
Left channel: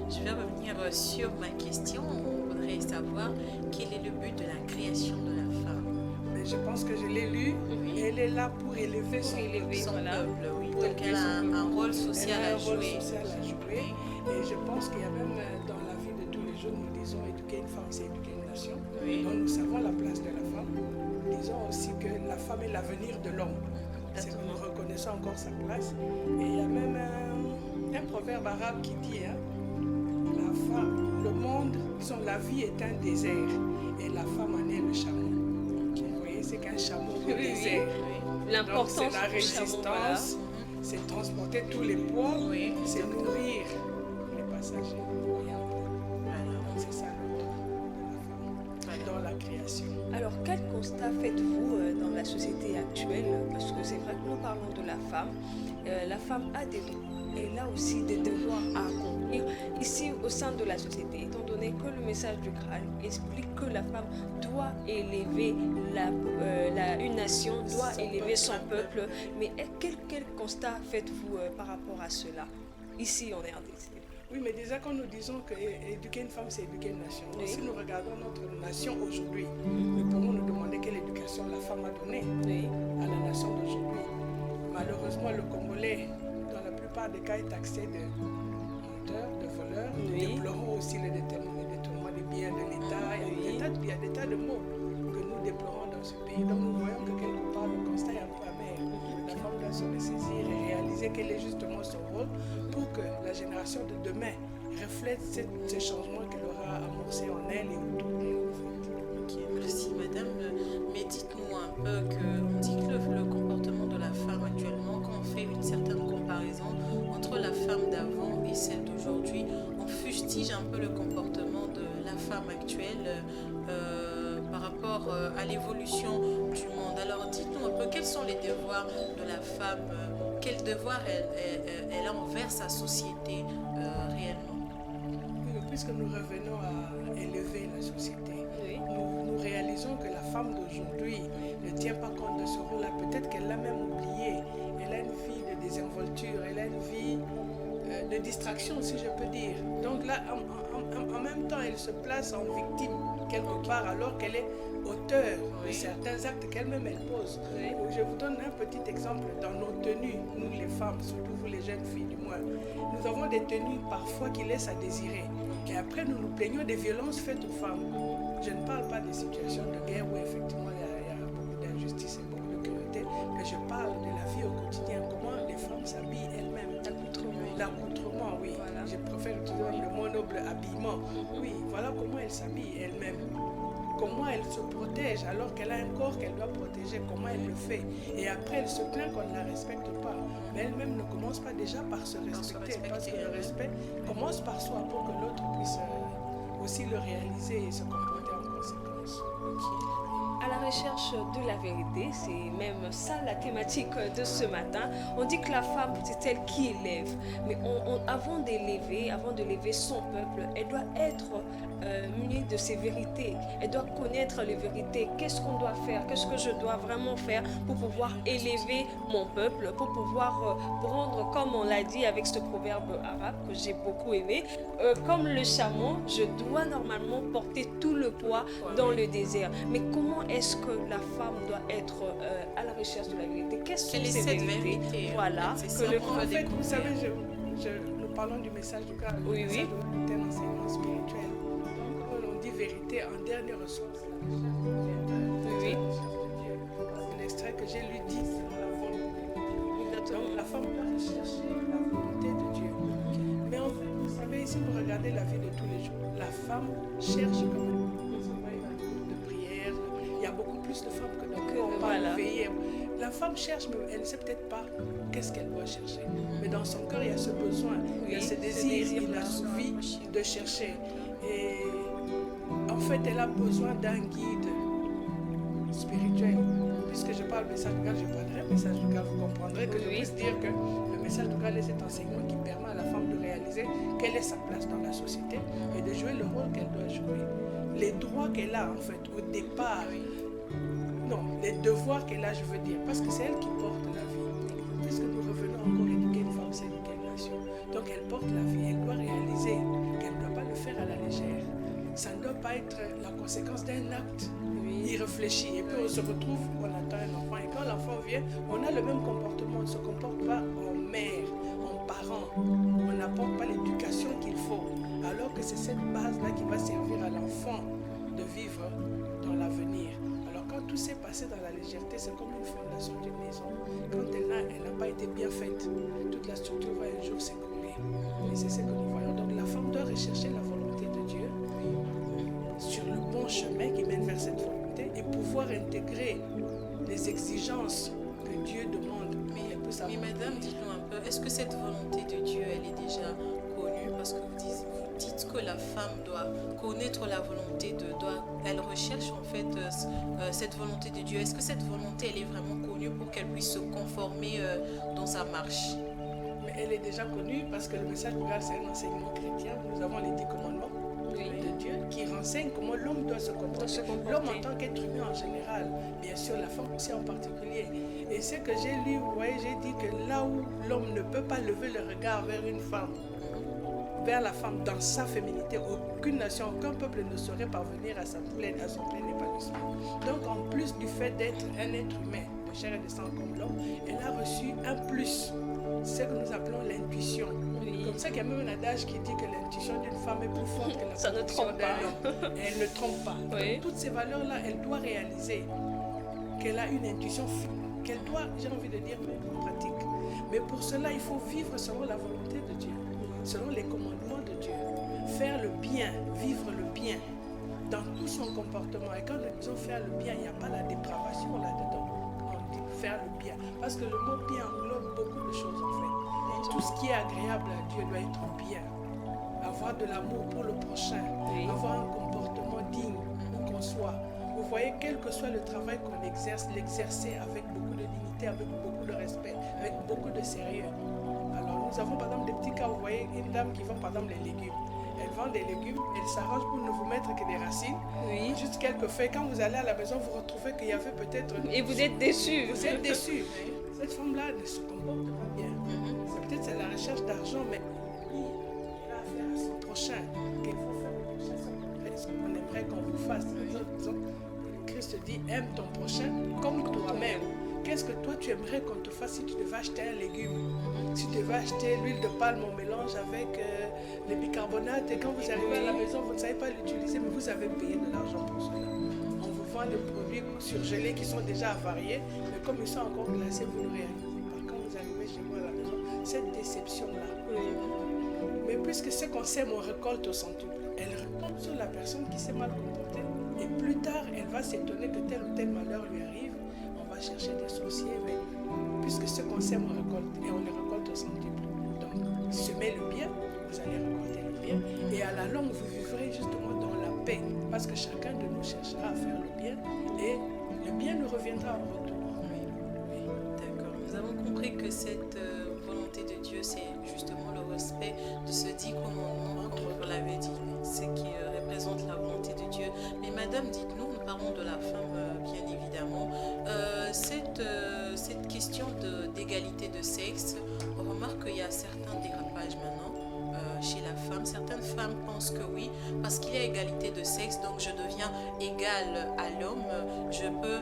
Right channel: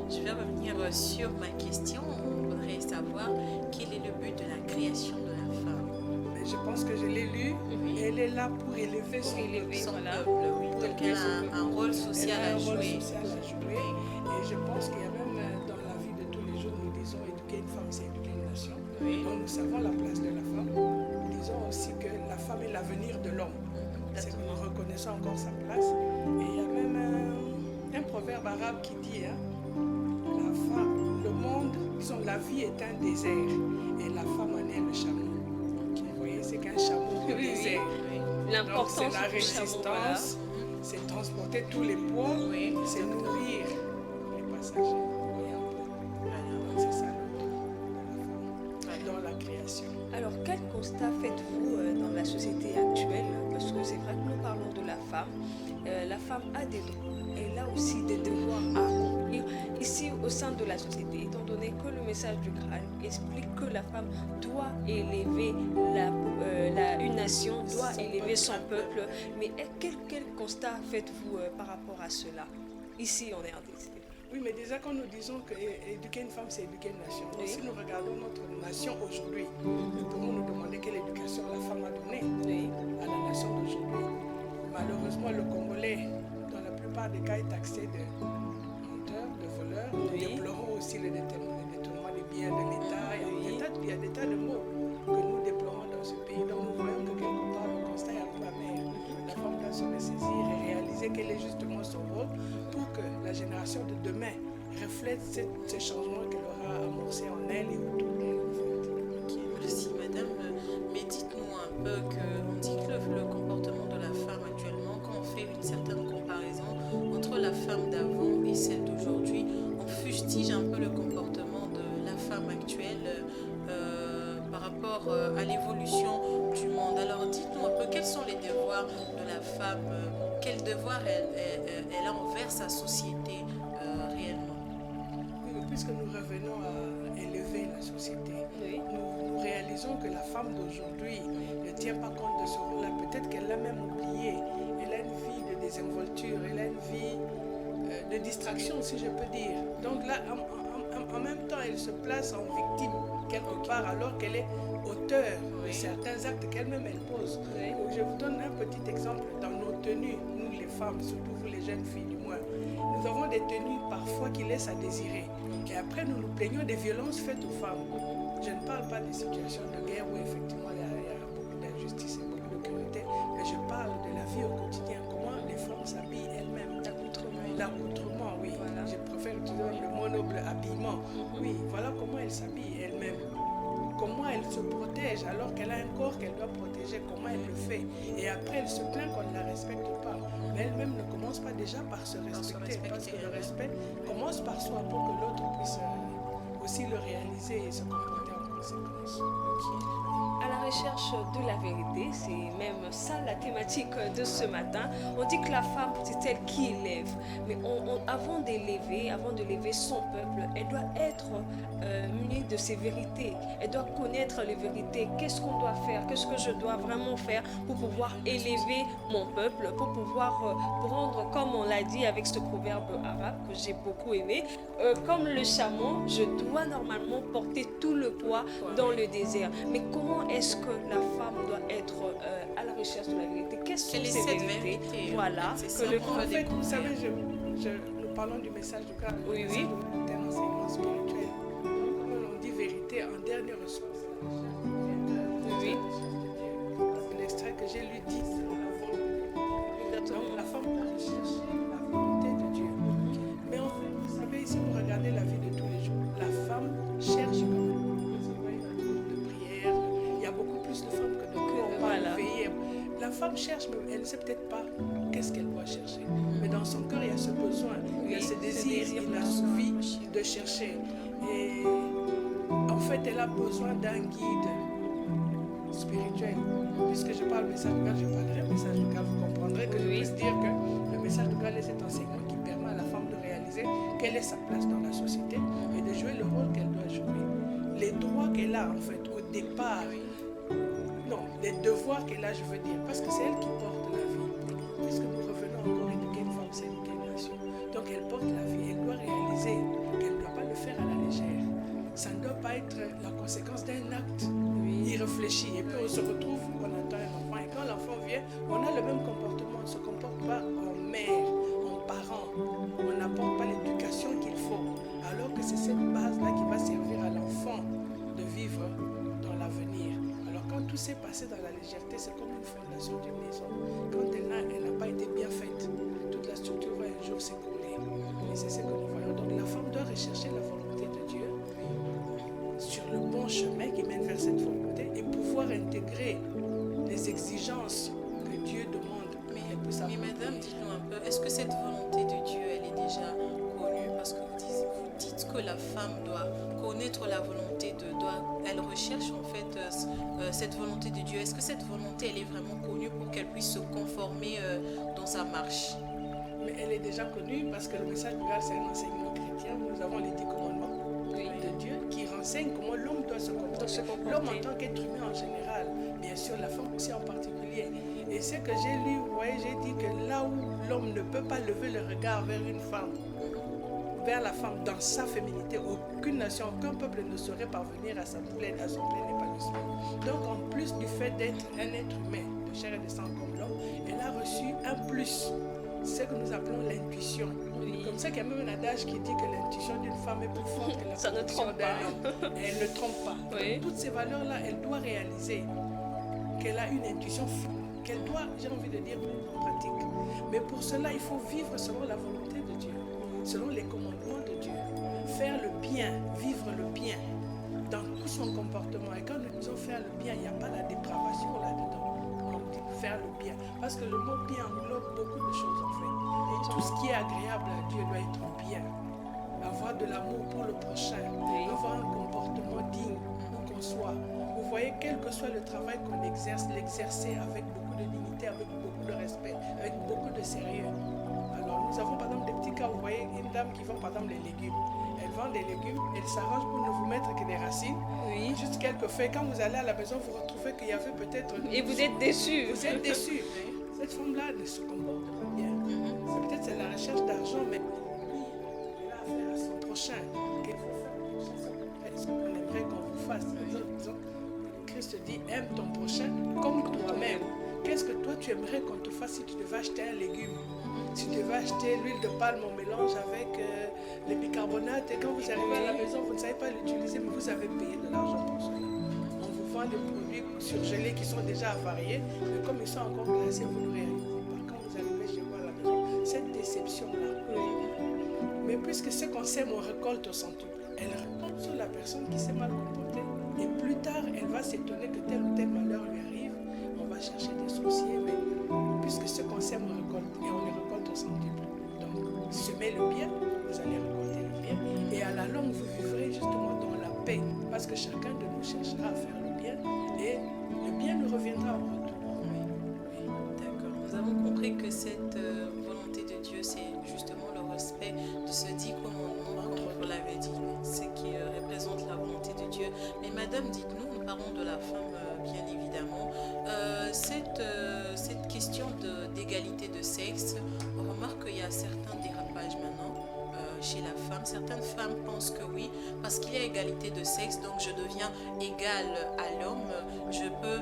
Je vais revenir sur ma question. On voudrait savoir quel est le but de la création de la femme. Mais je pense que je l'ai lu. Et elle est là pour élever son peuple. Oui. Donc elle a un rôle social à jouer. Et je pense qu'il y a même dans la vie de tous les jours, nous disons éduquer une femme, c'est éduquer une nation. Oui. Donc nous savons la place de la femme. Nous disons aussi que la femme est l'avenir de l'homme. C'est que nous reconnaissons encore sa place. Et il y a même un proverbe arabe qui dit la femme, le monde, disons, la vie est un désert et la femme en est le chameau. Vous voyez, c'est qu'un chameau au désert. L'importance c'est la résistance, c'est transporter tous les poids, c'est nourrir les passagers. Voilà, dans la création. Alors, quel constat faites-vous dans la société actuelle? Parce que c'est vrai que nous parlons de la femme. La femme a des droits. Elle a aussi des devoirs à accomplir ici au sein de la société, étant donné que le message du Graal explique que la femme doit élever une nation, doit élever son peuple. Mais quel constat faites-vous par rapport à cela, ici en RDC? Oui, mais déjà quand nous disons qu'éduquer une femme, c'est éduquer une nation. Oui. Si nous regardons notre nation aujourd'hui, nous pourrons nous demander quelle éducation la femme a donnée à la nation d'aujourd'hui. Malheureusement, le Congolais, dans la plupart des cas, est taxé de menteur, de voleur. Nous déplorons aussi le détournement des biens de l'État. Il y a des tas de mots que nous déplorons dans ce pays. Donc nous voyons que quelque part, le constat est un peu amer. La femme doit se ressaisir et réaliser quel est justement son rôle pour que la génération de demain reflète ces changements qu'elle aura amorcés en elle et autour d'elle. Ok, merci madame. Mais dites-nous un peu on dit que le comportement de la femme actuellement, quand on fait une certaine comparaison entre la femme d'avant et celle d'aujourd'hui, on fustige un peu le comportement de la femme actuelle par rapport à l'évolution du monde. Alors dites-nous un peu quels sont les devoirs de la femme, quels devoirs elle a envers sa société réellement. Oui, mais puisque nous revenons à élever la société, nous réalisons que la femme d'aujourd'hui ne tient pas compte de ce rôle-là. Peut-être qu'elle l'a même oublié. Elle a une vie de désinvolture, elle a une vie de distraction, si je peux dire. Donc là, en même temps, elle se place en victime quelque part, alors qu'elle est auteur de certains actes qu'elle-même elle pose. Je vous donne un petit exemple. Dans nos tenues, nous les femmes, surtout vous les jeunes filles du moins, nous avons des tenues parfois qui laissent à désirer. Et après, nous nous plaignons des violences faites aux femmes. Je ne parle pas des situations de guerre où effectivement il y a beaucoup d'injustice et beaucoup de cruauté, mais je parle de la vie au quotidien, comment les femmes s'habillent elles-mêmes. L'accoutrement, oui. Voilà. Je préfère utiliser le mot noble, habillement. Oui, voilà comment elles s'habillent elles-mêmes. Comment elle se protège alors qu'elle a un corps qu'elle doit protéger, comment elle le fait. Et après, elle se plaint qu'on ne la respecte pas. Mais elle-même ne commence pas déjà par se respecter, parce que le respect commence par soi pour que l'autre puisse aussi le réaliser et se comporter en conséquence. À la recherche de la vérité, c'est même ça la thématique de ce matin. On dit que la femme, c'est elle qui élève. Mais avant d'élever son peuple, elle doit être munie de ses vérités. Elle doit connaître les vérités. Qu'est-ce qu'on doit faire? Qu'est-ce que je dois vraiment faire pour pouvoir élever mon peuple, pour pouvoir prendre, comme on l'a dit avec ce proverbe arabe que j'ai beaucoup aimé, comme le chameau, je dois normalement porter tout le poids dans le désert. Mais comment est-ce que la femme doit être à la recherche de la vérité? Quelles sont ces vérités? Voilà. En fait, vous savez, nous parlons du message du Graal. Le message du Graal est un enseignement spirituel. Comme on dit vérité, en dernier ressort, c'est la recherche du Créateur. C'est l'extrait que j'ai lu dit selon la volonté. Donc la femme doit rechercher la volonté de Dieu. Mais en fait, vous savez, si vous regardez la vie de tous les jours, la femme cherche quand même. Il y a beaucoup plus de femmes que d'hommes. Voilà. La femme cherche, mais elle ne sait peut-être pas qu'est-ce qu'elle doit chercher. Mais dans son cœur, il y a ce besoin, il y a ce désir inassouvi de chercher. Et en fait, elle a besoin d'un guide spirituel. Puisque je parle message du Graal, je parlerai message du Graal. Vous comprendrez que je puisse dire que le message du Graal est cet enseignement qui permet à la femme de réaliser quelle est sa place dans la société et de jouer le rôle qu'elle doit jouer. Les droits qu'elle a en fait au départ, non, les devoirs qu'elle a, je veux dire, parce que c'est elle qui porte la vie. Puisque nous revenons encore éduquer une femme, c'est éduquer une nation. Donc elle porte la vie, elle doit réaliser qu'elle ne doit pas le faire à la légère. Ça ne doit pas être la conséquence d'un acte irréfléchi. Et puis on se retrouve, on attend un enfant. Et quand l'enfant vient, on a le même comportement. On ne se comporte pas en mère, en parent. On n'apporte pas l'éducation qu'il faut. Alors que c'est cette base-là qui va servir à l'enfant de vivre dans l'avenir. Alors quand tout s'est passé dans la légèreté, c'est comme une fondation d'une maison. Quand elle n'a pas été bien faite, toute la structure va un jour s'écrouler. Et c'est ce que nous voyons. Donc la femme doit rechercher la volonté de Dieu sur le bon chemin qui mène vers cette volonté et pouvoir intégrer les exigences que Dieu demande. Mais madame, dites-nous un peu, est-ce que cette volonté de Dieu, elle est déjà connue? Parce que vous dites que la femme doit connaître la volonté elle recherche en fait cette volonté de Dieu. Est-ce que cette volonté, elle est vraiment connue pour qu'elle puisse se conformer dans sa marche? Mais elle est déjà connue parce que le message du Graal, c'est un enseignement chrétien. Nous avons les 10 commandements de Dieu qui renseignent comment l'homme doit se comporter. L'homme en tant qu'être humain en général, bien sûr, la femme aussi en particulier. Et ce que j'ai lu, vous voyez, j'ai dit que là où l'homme ne peut pas lever le regard vers une femme, vers la femme dans sa féminité, aucune nation, aucun peuple ne saurait parvenir à son plein épanouissement. Donc en plus du fait d'être un être humain, de chair et de sang comme l'homme, elle a reçu un plus, ce que nous appelons l'intuition. Comme ça qu'il y a même un adage qui dit que l'intuition d'une femme est plus forte que la conviction d'un homme. Elle ne trompe pas. Donc, toutes ces valeurs-là, elle doit réaliser qu'elle a une intuition qu'elle doit, j'ai envie de dire, mettre en pratique. Mais pour cela, il faut vivre selon la volonté de Dieu, selon les commandements de Dieu. Faire le bien, vivre le bien dans tout son comportement. Et quand nous disons faire le bien, il n'y a pas la dépravation là-dedans. On dit faire le bien. Parce que le mot bien englobe beaucoup de choses en fait. Et tout ce qui est agréable à Dieu doit être bien. Avoir de l'amour pour le prochain, avoir un comportement digne où qu'on soit. Vous voyez, quel que soit le travail qu'on exerce, l'exercer avec beaucoup de dignité, avec beaucoup de respect, avec beaucoup de sérieux. Alors nous avons par exemple des petits cas, vous voyez une dame qui vend par exemple les légumes. Elle vend des légumes, elle s'arrange pour ne vous mettre que des racines, juste quelques feuilles. Quand vous allez à la maison, vous retrouvez qu'il y avait peut-être... Et vous êtes déçus. Vous êtes déçus. Cette femme-là ne se comporte pas bien. Peut-être c'est la recherche d'argent, mais elle a affaire à son prochain. Qu'il faut faire au prochain ce qu'on aimerait qu'on vous fasse. Christ dit, aime ton prochain comme toi-même. Qu'est-ce que toi tu aimerais qu'on te fasse si tu devais acheter un légume? Si tu devais acheter l'huile de palme en mélange avec les bicarbonates et quand vous arrivez à la maison, vous ne savez pas l'utiliser, mais vous avez payé de l'argent pour cela. On vous vend des produits surgelés qui sont déjà avariés, mais comme ils sont encore glacés, vous ne réalisez pas. Quand vous arrivez chez vous à la maison, cette déception-là. Mais puisque ce qu'on sème, on récolte au centuple. Elle retombe sur la personne qui s'est mal comportée et plus tard, elle va s'étonner que tel ou tel malheur lui arrive. On va chercher des sorciers, mais puisque ce qu'on sème, on récolte et on les récolte au centuple. Donc, semez le bien, vous allez récolter le bien et à la longue, vous vivrez justement dans la paix parce que chacun de nous cherchera à faire le bien et le bien nous reviendra en retour. D'accord. Nous avons compris que cette volonté de Dieu, c'est justement le respect de ce 10 commandements, comme vous l'avez dit, ce qui représente la volonté de Dieu. Mais madame, dites-nous, nous parlons de la femme, bien évidemment. Cette question d'égalité de sexe, on remarque qu'il y a certains dérapages maintenant chez la femme. Certaines femmes pensent que oui, parce qu'il y a égalité de sexe, donc je deviens égale à l'homme, je peux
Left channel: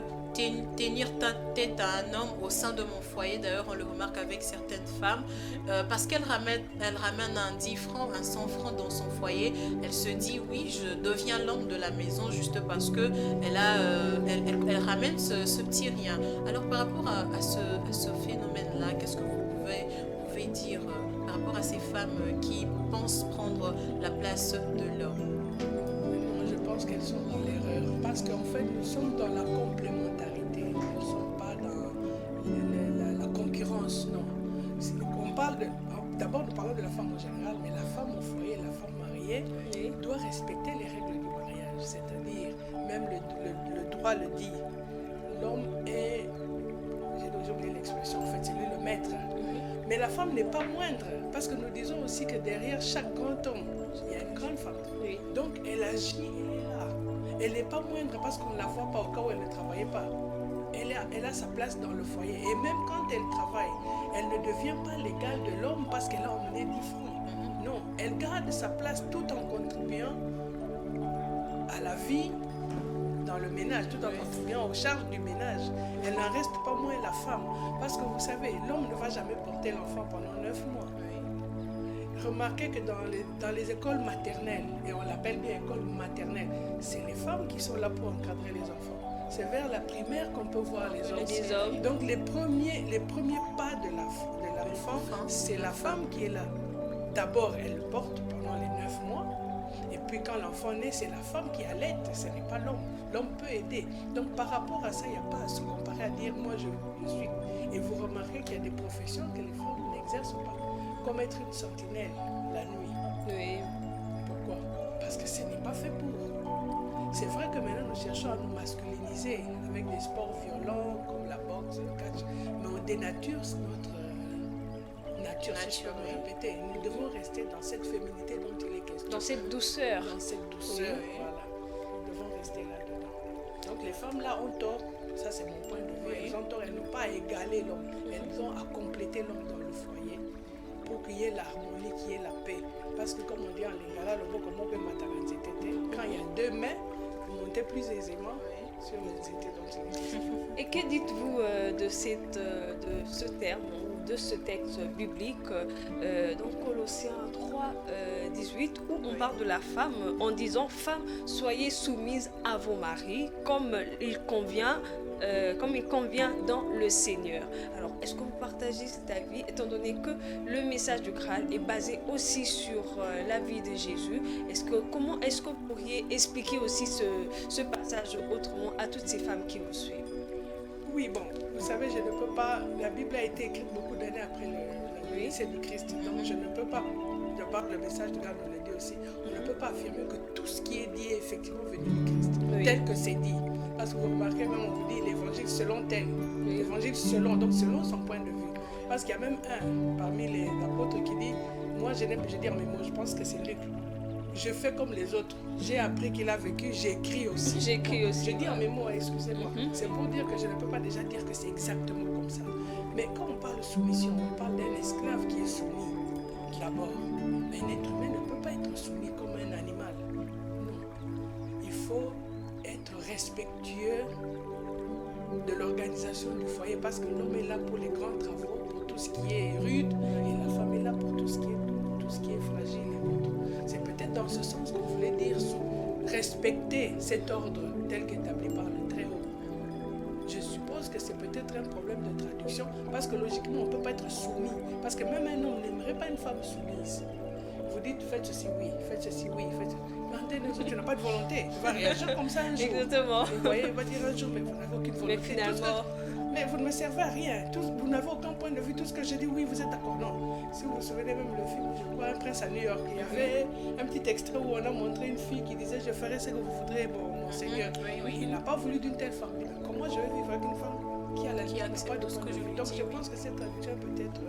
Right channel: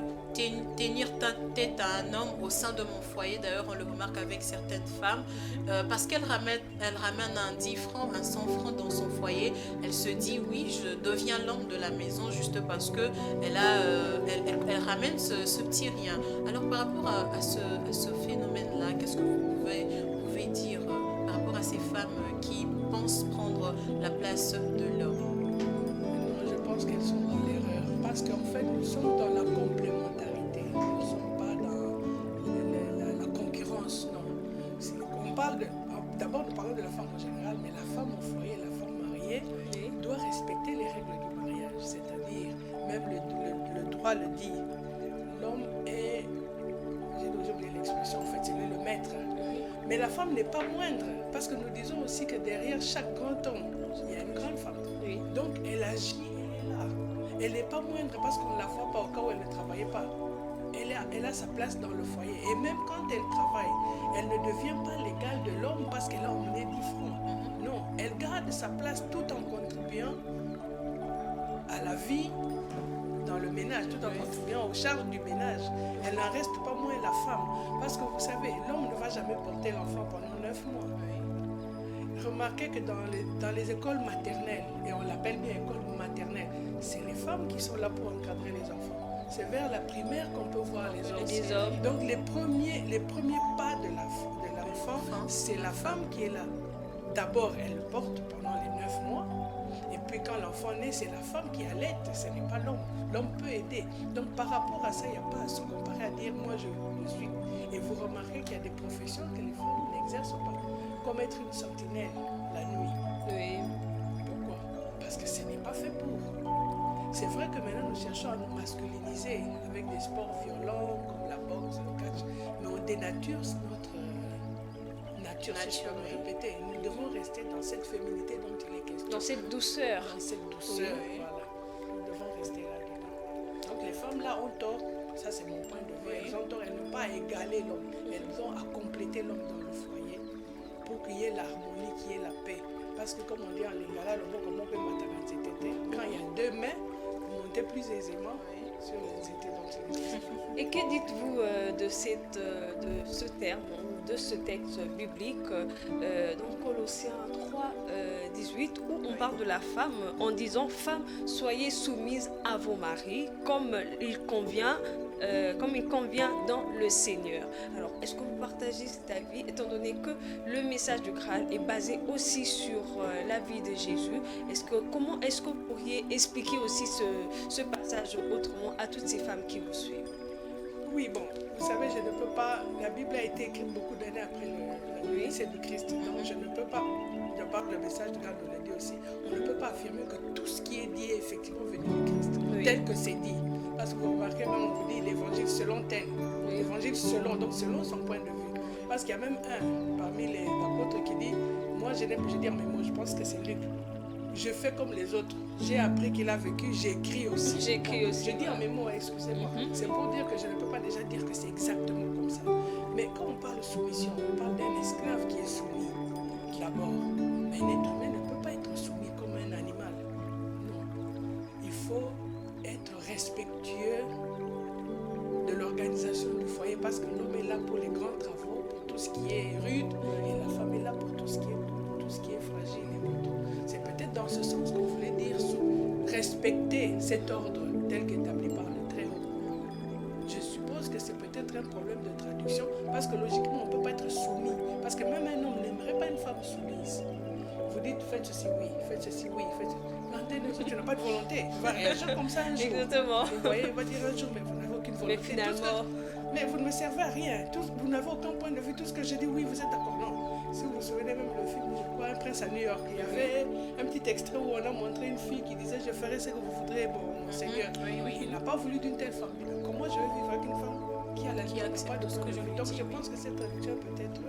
tenir tête à un homme au sein de mon foyer. D'ailleurs, on le remarque avec certaines femmes, parce qu'elle ramène un 10 francs, un 100 francs dans son foyer. Elle se dit, oui, je deviens l'homme de la maison juste parce que elle ramène ce petit rien. Alors, par rapport à ce phénomène-là, qu'est-ce que vous pouvez dire par rapport à ces femmes qui pensent prendre la place de l'homme? Je pense qu'elles sont dans l'erreur parce qu'en fait nous sommes dans la complémentarité, nous ne sommes pas dans la concurrence, non. On parle d'abord nous parlons de la femme en général, mais la femme au foyer, la femme mariée doit respecter les règles du mariage, c'est-à-dire même le droit le dit, l'homme est, j'ai oublié l'expression, en fait c'est lui le maître, mais la femme n'est pas moindre parce que nous disons aussi que derrière chaque grand homme il y a une grande femme, donc elle agit. Elle n'est pas moindre parce qu'on ne la voit pas au cas où elle ne travaillait pas. Elle a sa place dans le foyer. Et même quand elle travaille, elle ne devient pas l'égale de l'homme parce qu'elle a emmené 10 francs. Non, elle garde sa place tout en contribuant à la vie dans le ménage, tout en contribuant aux charges du ménage. Elle n'en reste pas moins la femme. Parce que vous savez, l'homme ne va jamais porter l'enfant pendant 9 mois. Remarquez que dans les écoles maternelles, et on l'appelle bien école maternelle, c'est les femmes qui sont là pour encadrer les enfants. C'est vers la primaire qu'on peut voir les hommes. Donc les premiers pas de l'enfant, c'est la femme qui est là. D'abord, elle le porte pendant les 9 mois. Et puis quand l'enfant naît, c'est la femme qui allaite, ce n'est pas l'homme. L'homme peut aider. Donc par rapport à ça, il n'y a pas à se comparer à dire moi je suis. Et vous remarquez qu'il y a des professions que les femmes n'exercent pas. Comme être une sentinelle la nuit. Pour parce que ce n'est pas fait pour. C'est vrai que maintenant nous cherchons à nous masculiniser avec des sports violents comme la boxe, le catch, mais on dénature notre nature, si je peux me répéter. Nous devons rester dans cette féminité dont il est question. Dans cette douceur. Dans cette douceur, voilà. Nous devons rester là-dedans. Donc les femmes là ont tort, ça c'est mon point de vue, elles ont tort, elles n'ont pas à égaler l'homme, elles ont à compléter l'homme dans le foyer pour qu'il y ait l'harmonie, qu'il y ait la paix. Parce que comme on dit en lingala, le mot comme on peut quand il y a deux mains, vous montez plus aisément sur les étés dont il est question. Et que dites-vous de ce terme ou de ce texte biblique dans Colossiens 3, 18 où on parle de la femme en disant « Femmes, soyez soumises à vos maris comme il convient dans le Seigneur ». Alors, est-ce que vous partagez cet avis étant donné que le message du Graal est basé aussi sur la vie de Jésus? Comment est-ce que vous pourriez expliquer aussi ce passage autrement à toutes ces femmes qui vous suivent? Oui, bon, vous savez, je ne peux pas... La Bible a été écrite beaucoup d'années après le lycée du Christ. Donc, je ne peux pas... De par le message de Graal nous le dit aussi. On ne peut pas affirmer que tout ce qui est dit est effectivement venu du Christ. Tel que c'est dit. Parce que vous remarquez, même on vous dit l'évangile selon tel. L'évangile selon, donc selon son point de vue. Parce qu'il y a même un parmi les apôtres qui dit, moi je n'aime pas dire mes mots, je pense que c'est Luc. Je fais comme les autres. J'ai appris qu'il a vécu, j'écris aussi. Je dis en mes mots, excusez-moi. C'est pour dire que je ne peux pas déjà dire que c'est exactement comme ça. Mais quand on parle de soumission, on parle d'un esclave qui est soumis d'abord. Mais un être humain ne peut pas être soumis comme un animal. Non. Il faut être respectueux de l'organisation du foyer parce que l'homme est là pour les grands travaux, pour tout ce qui est rude, et la femme est là pour tout ce qui est doux, tout ce qui est fragile et autres. C'est peut-être dans ce sens qu'on voulait dire respecter cet ordre tel qu'établi par le Très-Haut. Je suppose que c'est peut-être un problème de traduction parce que logiquement on ne peut pas être soumis. Parce que même un homme n'aimerait pas une femme soumise. Vous dites faites ceci, oui, faites ceci, oui, faites ceci. Tu n'as pas de volonté. Tu vas réagir comme ça un jour. Exactement. Vous voyez, il va dire un jour, mais vous n'avez aucune volonté. Mais finalement... Mais vous ne me servez à rien. Vous n'avez aucun point de vue. Tout ce que je dis, oui, vous êtes d'accord. Non. Si vous vous souvenez même le film, je crois, Un prince à New York, il y avait un petit extrait où on a montré une fille qui disait, je ferai ce que vous voudrez, bon, mon Seigneur. Il n'a pas voulu d'une telle femme. Comment je vais vivre avec une femme qui a la vie, pas de ce que je vis. Donc je pense que cette traduction peut être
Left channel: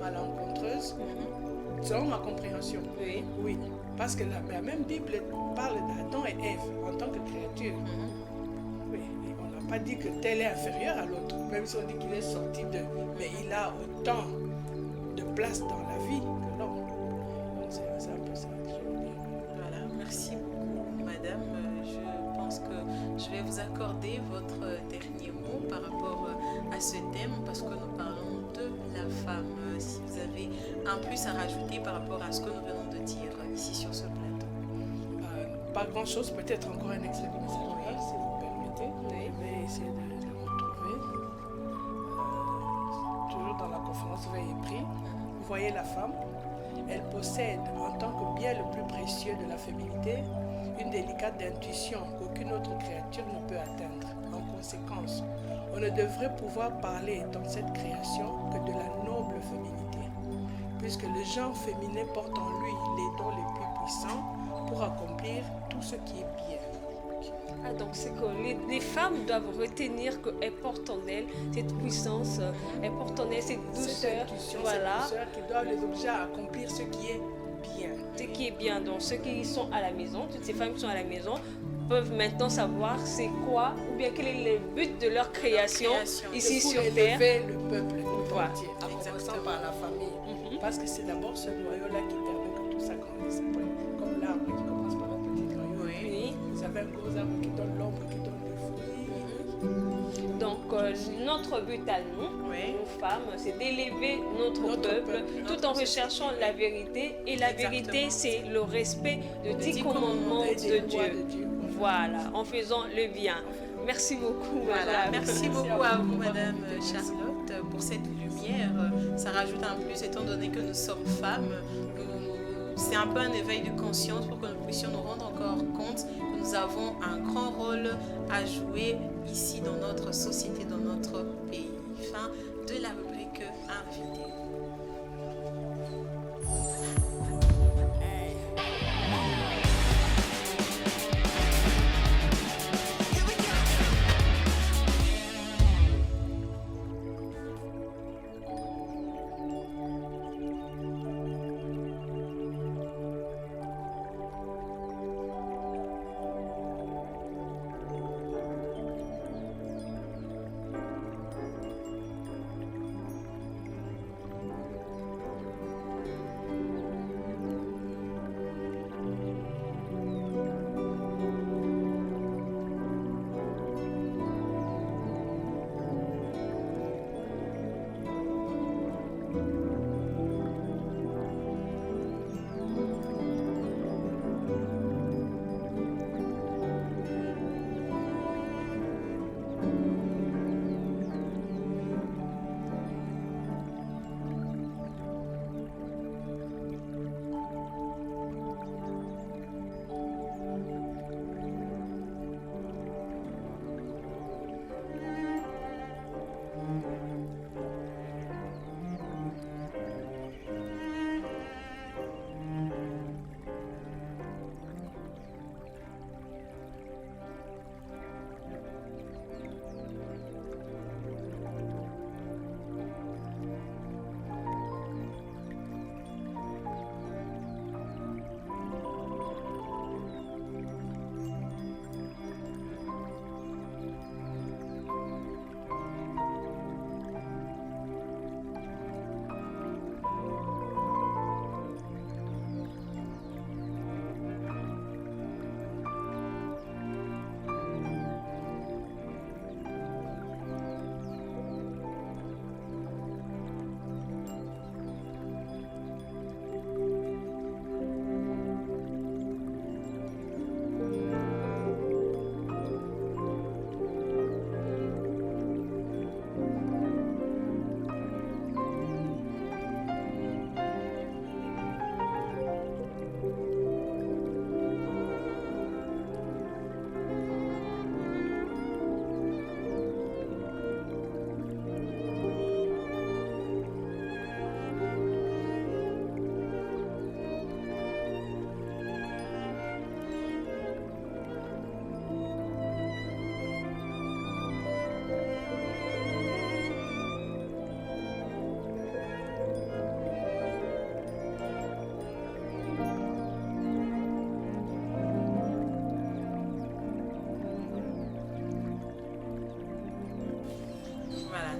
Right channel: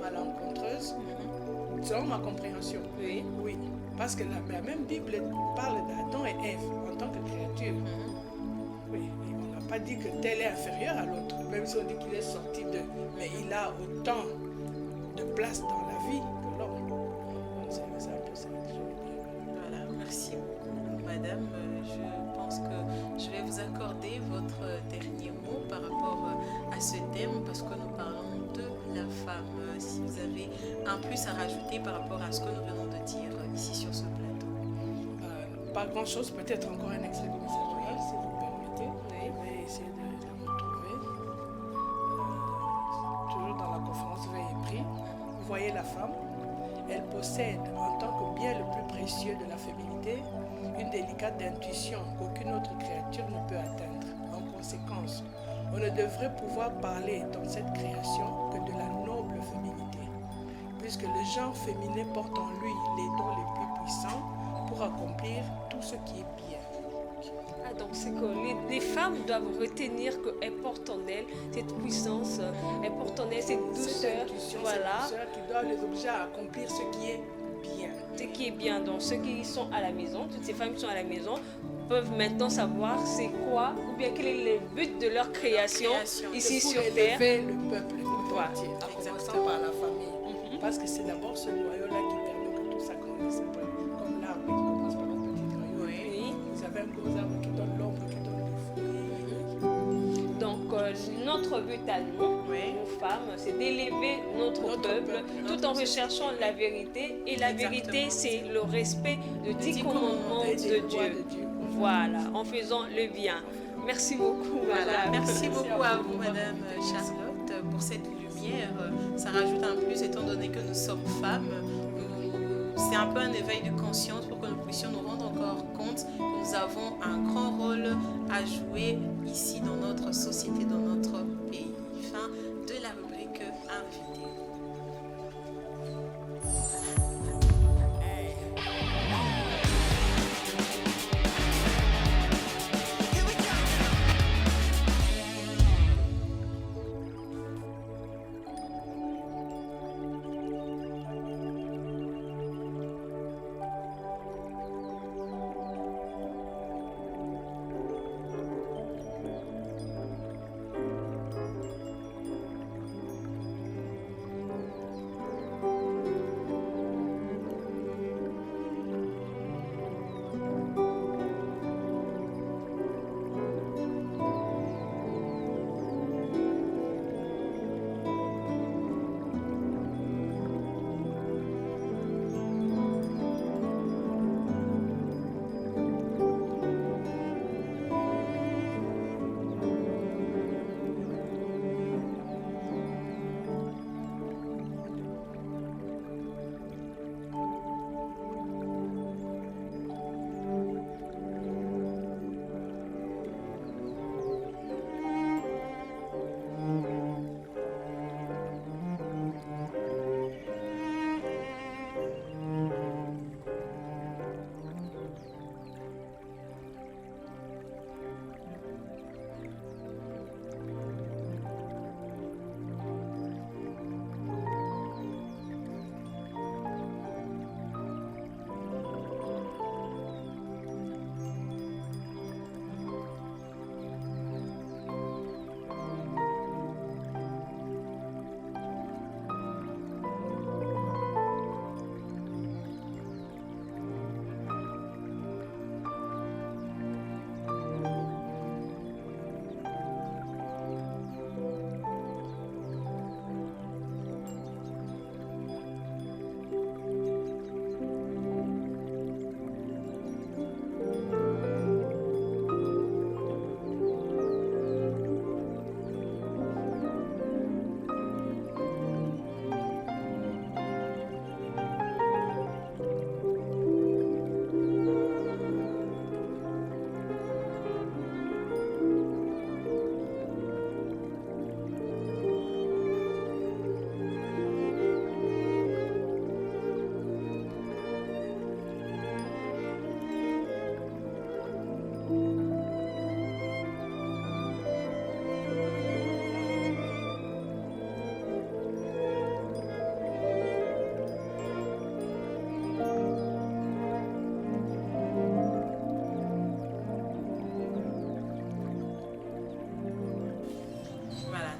malencontreuse, selon ma compréhension. Oui. Parce que la même Bible parle d'Adam et Ève en tant que créature. Oui, et on n'a pas dit que tel est inférieur à l'autre, même si on dit qu'il est sorti d'eux. Mais il a autant de place dans la vie que l'homme. Donc c'est un peu ça que je veux dire. Voilà, merci beaucoup, madame. Je pense que je vais vous accorder votre dernier mot par rapport à ce thème, parce que nous parlons de la femme. Si vous avez un plus à rajouter par rapport à ce que nous venons de dire ici sur ce plateau. Pas grand-chose, peut-être encore un extrait du message oral, si vous permettez. Je vais essayer de le retrouver. Toujours dans la conférence Veille et Prie. Vous voyez la femme, elle possède en tant que bien le plus précieux de la féminité une délicate intuition qu'aucune autre créature ne peut atteindre. En conséquence, on ne devrait pouvoir parler dans cette création que de la noble féminité, puisque le genre féminin porte en lui les dons les plus puissants pour accomplir tout ce qui est bien. Ah, donc c'est que les femmes doivent retenir qu'elles portent en elles cette puissance, elles portent en elles cette douceur, voilà. Cette douceur qui doit les obliger à accomplir ce qui est bien. Ce qui est bien, donc ceux qui sont à la maison, toutes ces femmes qui sont à la maison peuvent maintenant savoir c'est quoi ou bien quel est le but de leur création ici sur terre. Élever le peuple entier, en commençant par la famille. Parce que c'est d'abord ce noyau-là qui permet que tout ça grandisse. Comme l'arbre qui commence par un petit noyau. Oui. Vous avez un gros arbre qui donne l'ombre, qui donne les fruits. Donc notre but à nous, nos femmes, c'est d'élever notre peuple tout en recherchant la vérité. Et la vérité, c'est le respect de 10 commandements de Dieu. Voilà, en faisant le bien. Merci beaucoup. Voilà, merci beaucoup à vous, Madame Charlotte, pour cette lumière. Ça rajoute un plus, étant donné que nous sommes femmes. C'est un peu un éveil de conscience pour que nous puissions nous rendre encore compte que nous avons un grand rôle à jouer ici dans notre société, dans notre pays. Fin de la rubrique invité.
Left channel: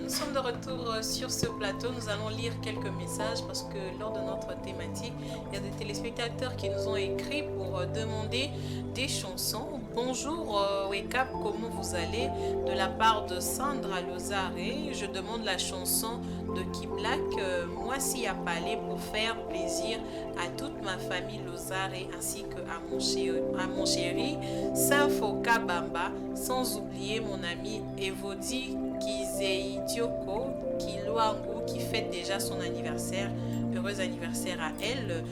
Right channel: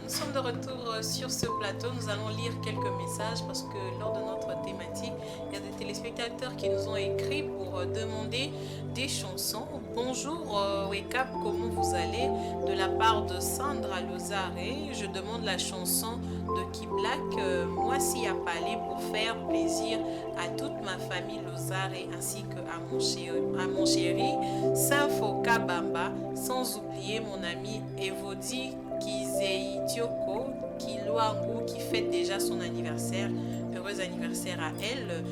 Nous sommes de retour sur ce plateau. Nous allons lire quelques messages parce que lors de notre thématique, il y a des téléspectateurs qui nous ont écrit pour demander des chansons. Bonjour Wake Up, comment vous allez? De la part de Sandra Lozare, je demande la chanson de Kiblak, Moi si à Palais, pour faire plaisir à toute ma famille Lozare ainsi que à mon chéri Safoka Bamba, sans oublier mon ami Evodi Kizei Tioko Kiluangu qui fête déjà son anniversaire. Heureux anniversaire à elle.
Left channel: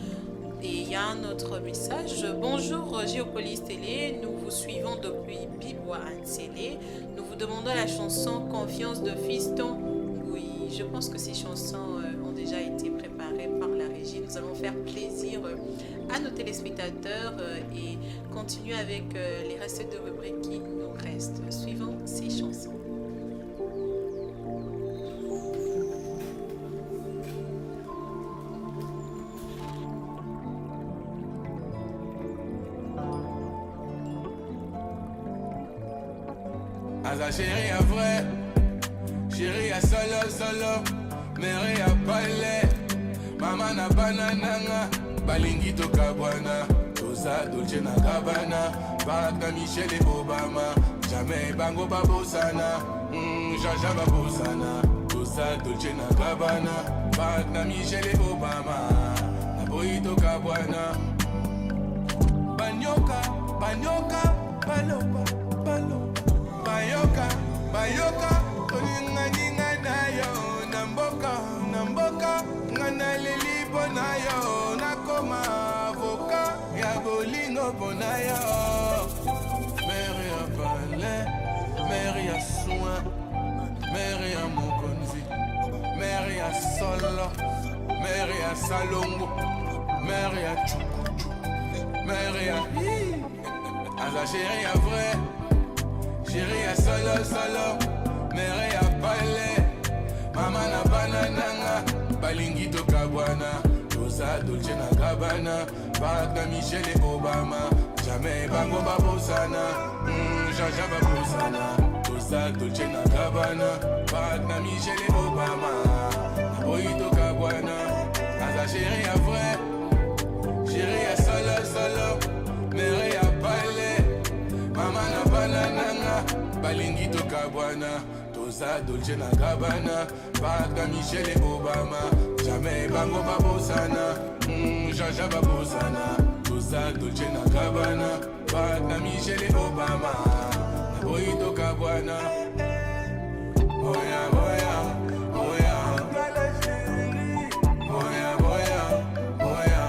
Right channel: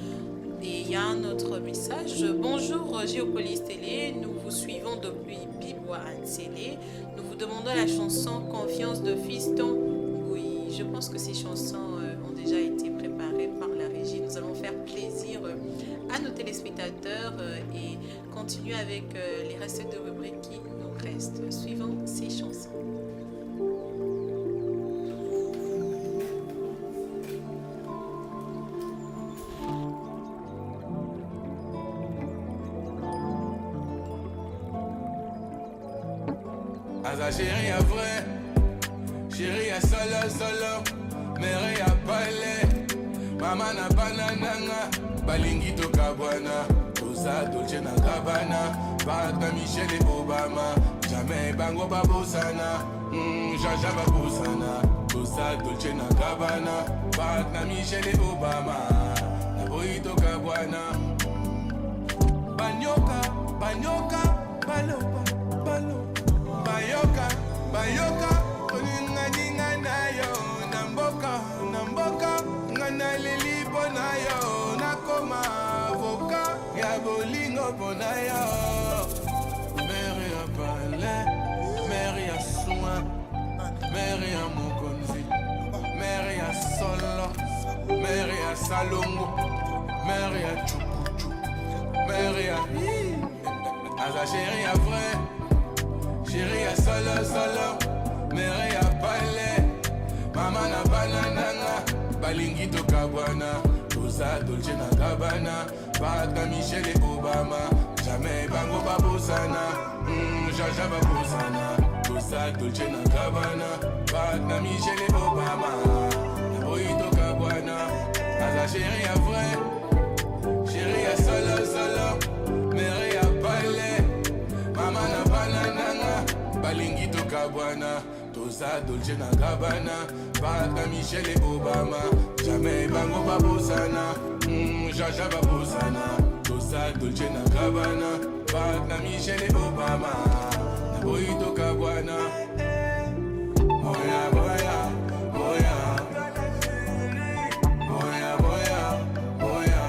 Et il y a un autre message. Bonjour Géopolis Télé, nous vous suivons depuis Bibois Ansele. Nous vous demandons la chanson Confiance de Fiston. Oui, je pense que ces chansons ont déjà été préparées par la régie. Nous allons faire plaisir à nos téléspectateurs et continuer avec les restes de rubriques qui nous restent. Suivant ces chansons. Aza chérie à vrai, chérie à solo, mère à palais, maman na banananga, balingi to kabwana, toza dolce na gabana, barak na Michelle et Obama, jamais bango babosana, jaja babosana, toza dolce na gabana, barak na Michelle et Obama, na boy to kabwana, banyoka, baloba. Bayoka, oninga na yo, namboka, ngana lelipo na yo, nakoma avoka, ya bolingo pona yo. Mère ya palais, mère ya soin, mère ya mokonzi, mère ya solo, mère ya salongo, mère ya chukuchu, mère ya Aza chérie ya vrai. Chérie à solo, mère à palais, maman na banananga, balingi to kabwana, toza dolce na gabana, barak na Michelle et Obama, jamais bango babosana, jaja babosana, toza dolce na gabana, barak na Michelle et Obama, na boy to kabwana, Aza chérie à vrai, chérie à solo, mère à palais. Mama na banananga, balingi to kabwana, toza dolce na gabana, barak na Michelle et Obama, jamais bango babosana, jaja babosana, toza dolce na gabana, barak na Michelle et Obama, na boy to kabwana, boya, boya, boya, boya, boya, boya, boya, boya.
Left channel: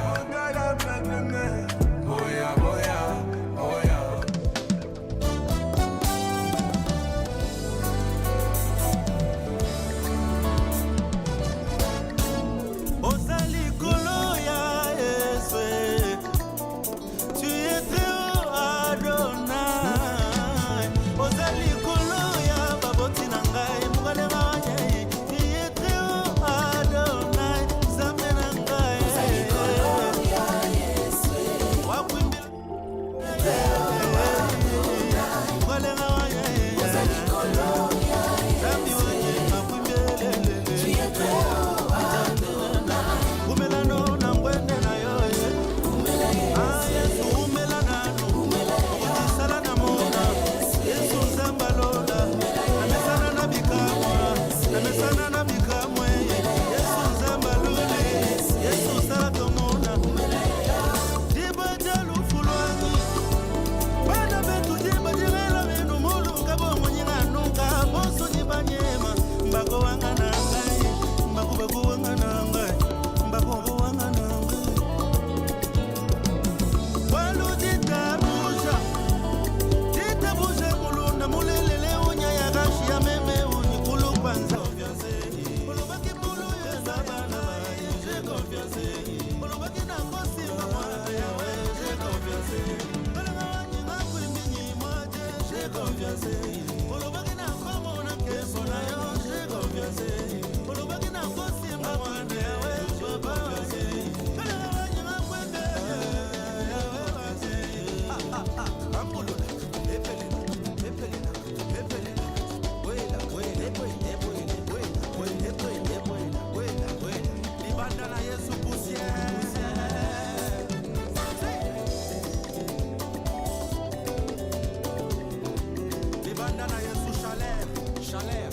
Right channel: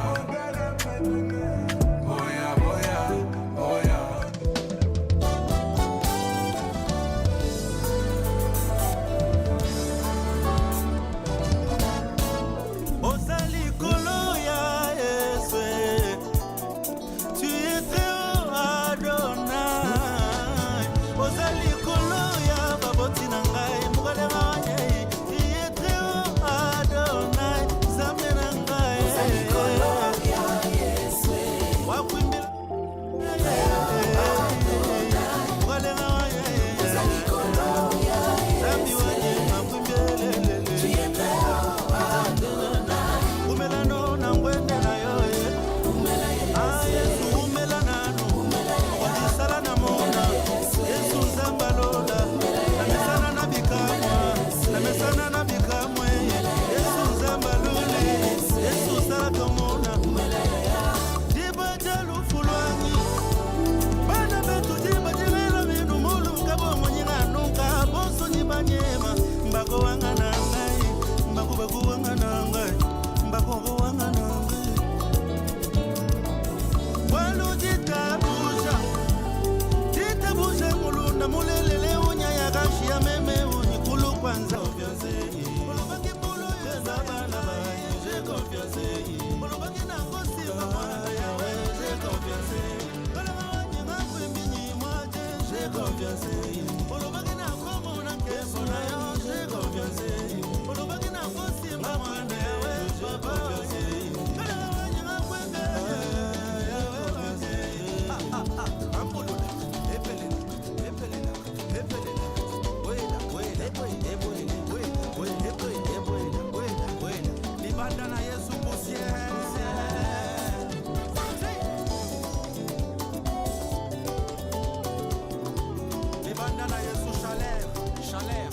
Libandana Yesu poussière. Libandana Yesu chaleur. Chaleur.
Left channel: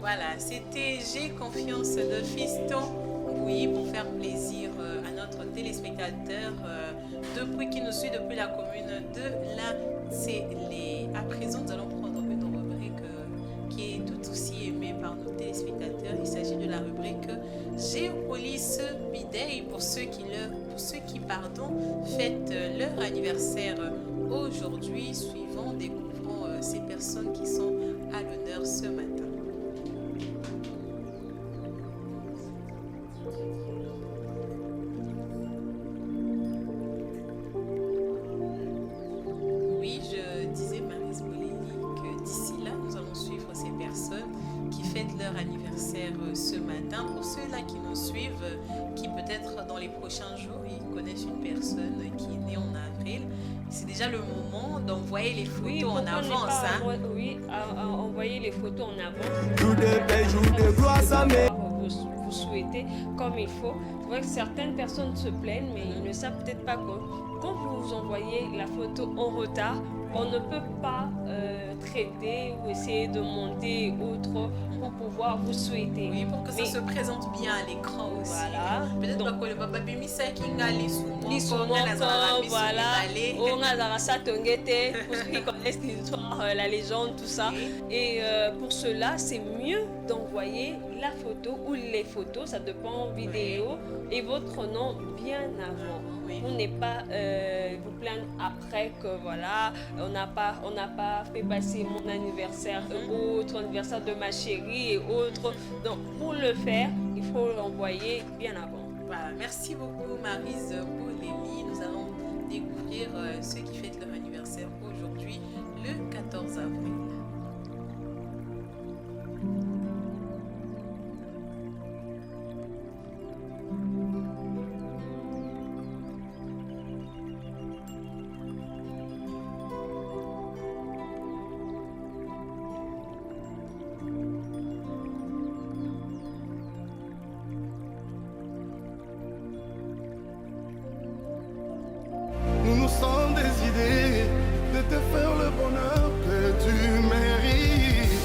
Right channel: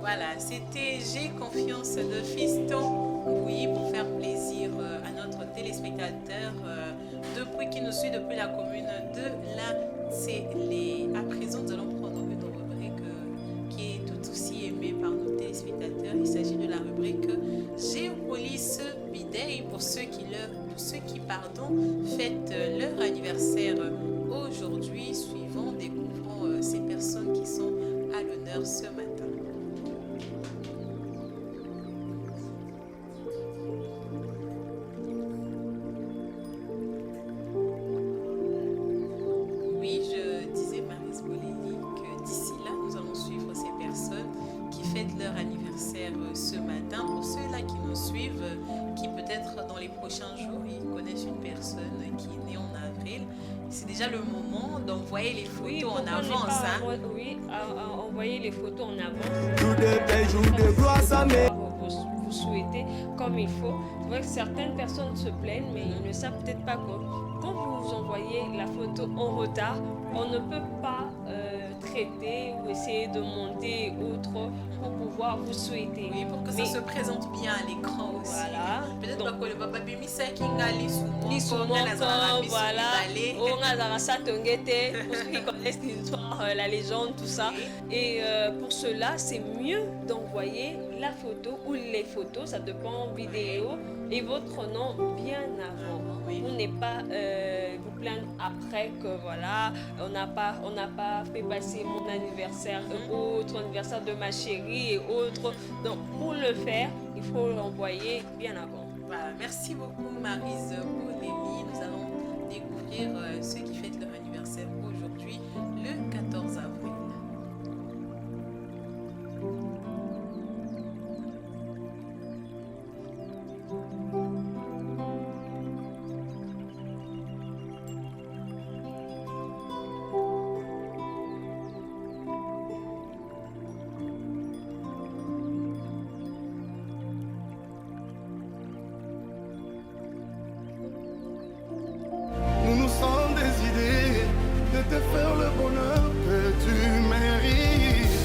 Voilà, c'était J'ai confiance de Fiston. Oui, pour faire plaisir à notre téléspectateur qui nous suit depuis la commune de la Télé. À présent, nous allons prendre une rubrique qui est tout aussi aimée par nos téléspectateurs. Il s'agit de la rubrique Géopolis Bidey pour ceux qui fêtent leur anniversaire aujourd'hui. Suivant, découvrons ces personnes qui sont à l'honneur ce matin. Leur anniversaire ce matin. Pour ceux-là qui nous suivent, qui peut-être dans les prochains jours, ils connaissent une personne qui est née en avril, c'est déjà le moment d'envoyer les photos en avance. Oui, envoyer les photos en avance. Vous souhaitez comme il faut. C'est vrai que certaines personnes se plaignent, mais ils ne savent peut-être pas quoi. Quand vous envoyez la photo en retard, on ne peut pas traiter ou essayer de monter autre pour pouvoir vous souhaiter. Oui, pour que ça se présente bien à l'écran aussi. Voilà. Peut-être que le papa Bimisa qui voilà. On a ça pour ceux qui connaissent l'histoire, la légende, tout ça. Oui. Et pour cela, c'est mieux d'envoyer la photo ou les photos, ça dépend vidéo, et votre nom bien avant. Oui. Vous n'êtes pas vous plaindre après que voilà, on n'a pas fait passer mon anniversaire, autre anniversaire de ma chérie et autres. Donc pour le faire, il faut l'envoyer bien avant. Voilà, merci beaucoup Maryse Bolémy. Nous allons découvrir ceux qui fêtent leur anniversaire aujourd'hui, le 14 avril. Nous nous sommes des idées de te faire le bonheur que tu mérites.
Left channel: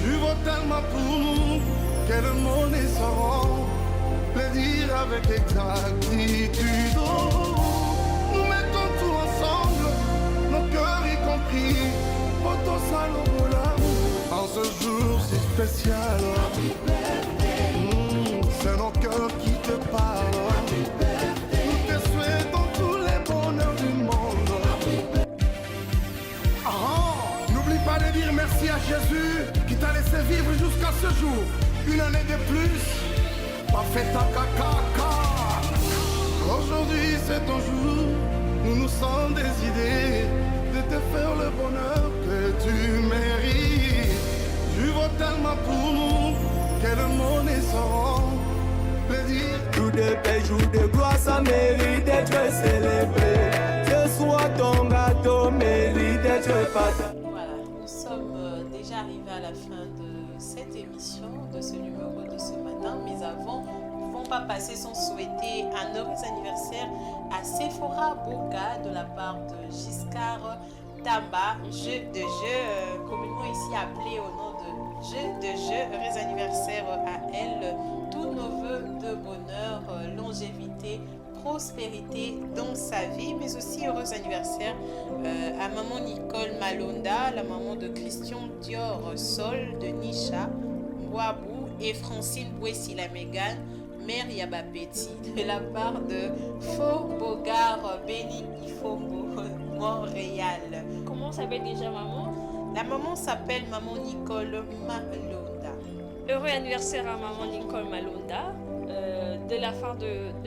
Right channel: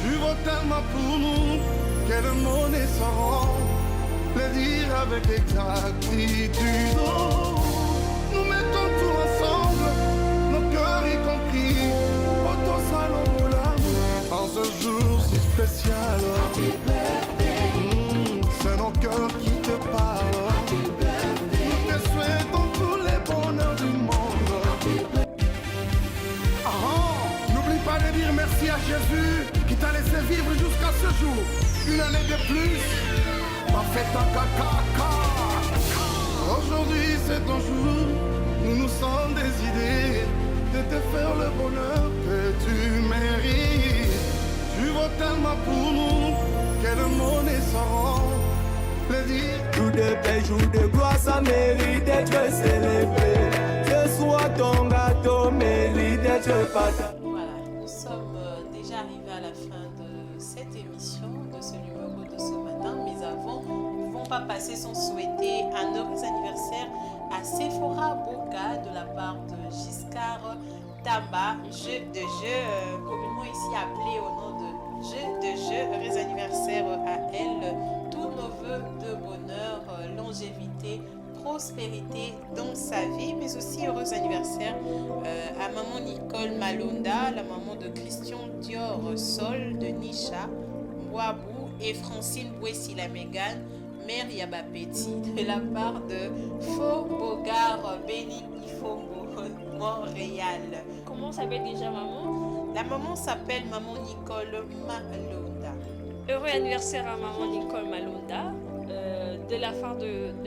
Tu vaux tellement pour nous que le monde ne saura le dire avec exactitude. Nous mettons tout ensemble, nos cœurs y compris, pour tout ça l'amour en ce jour si spécial. nos cœurs qui te parlent. Nous te souhaitons tous les bonheurs du monde. N'oublie pas de dire merci à Jésus qui t'a laissé vivre jusqu'à ce jour. Une année de plus, pas fait ta caca. Aujourd'hui c'est ton jour, nous nous sommes décidés de te faire le bonheur que tu mérites. Tu vaux tellement pour nous que le monde est sans plaisir. Jour de paix, jour de gloire, ça mérite d'être célébré. Ce soir ton gâteau mérite d'être partagé. Voilà, nous sommes déjà arrivés à la fin de cette émission, de ce numéro de ce matin. Mais avant, nous ne pouvons pas passer sans souhaiter un heureux anniversaire à Sephora Boka de la part de Giscard Tamba, jeu de jeu, communément ici appelé au nom de jeu de jeu. Heureux anniversaire à elle, tous nos voeux de bonheur, longévité, prospérité dans sa vie, mais aussi heureux anniversaire à maman Nicole Malonda, la maman de Christian Dior Sol, de Nisha Mwabou et Francine Bouessi la Mégane, mère Yabapeti, de la part de Faux Bogart Béni Ifombo, Montréal. Comment s'appelle déjà maman? La maman s'appelle maman Nicole Malonda. Heureux anniversaire à maman Nicole Malonda. De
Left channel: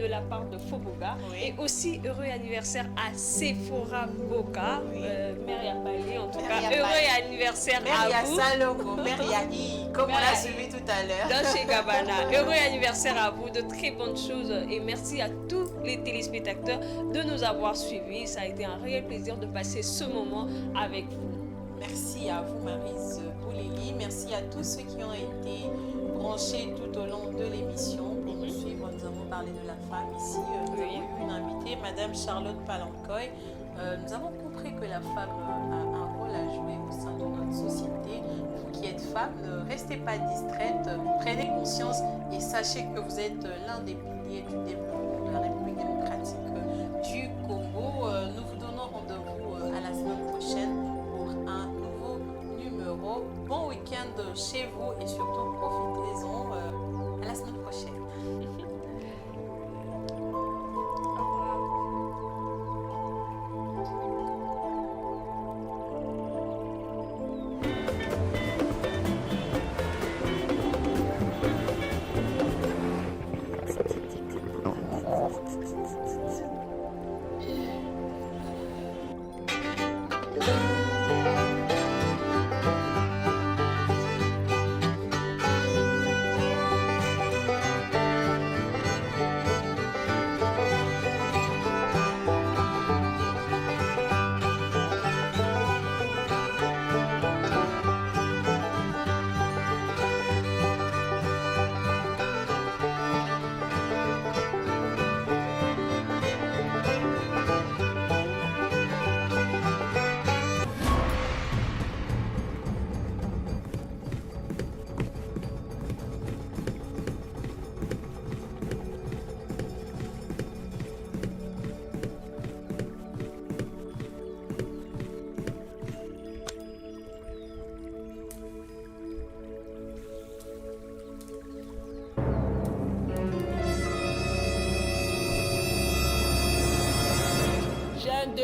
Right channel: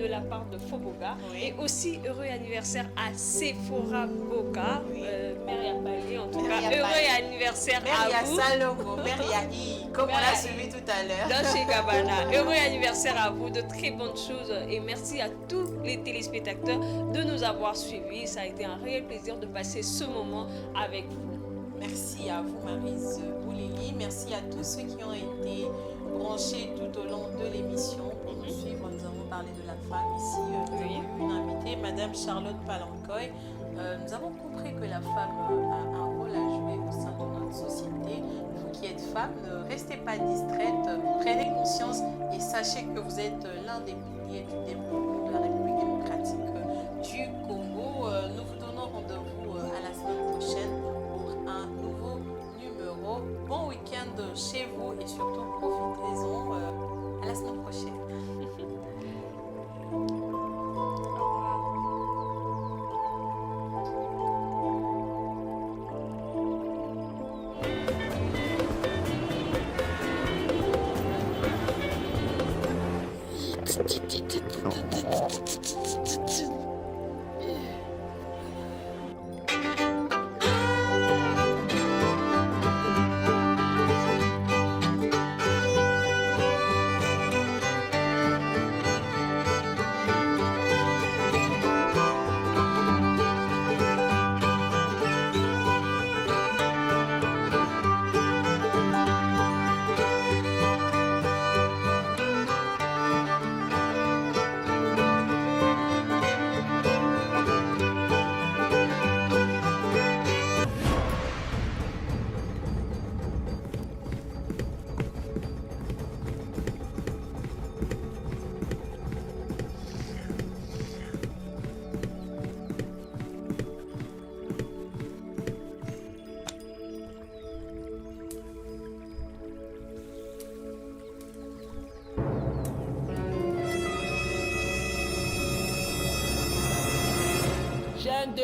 la part de Foboga. Oui. Et aussi heureux anniversaire à Sephora Boka, Oui. Mère Yapali en tout Mère cas. Yapali. Heureux anniversaire Mère à vous. Salongo, Mère I, comme on Mère l'a Yahi. suivi tout à l'heure. Dolce Gabbana. Heureux anniversaire à vous, de très bonnes choses et merci à tous les téléspectateurs de nous avoir suivis. Ça a été un réel plaisir de passer ce moment avec vous. Merci à vous, Maryse Bouleli. Merci à tous ceux qui ont été branchés tout au long de l'émission pour nous suivre. Nous avons parlé de la femme ici. Nous avons eu une invitée, Madame Charlotte Palancoy. Nous avons compris que la femme a un rôle à jouer au sein de notre société. Vous qui êtes femme, ne restez pas distraite, prenez conscience et sachez que vous êtes l'un des piliers du développement de la République démocratique du Congo. Nous vous donnons rendez-vous à la semaine prochaine pour un nouveau numéro. Bon week-end chez vous et surtout profitez-en. À la semaine prochaine. Chaîne 2.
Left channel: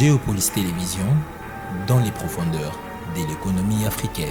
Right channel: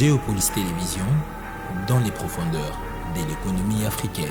Géopolis Télévision, dans les profondeurs de l'économie africaine.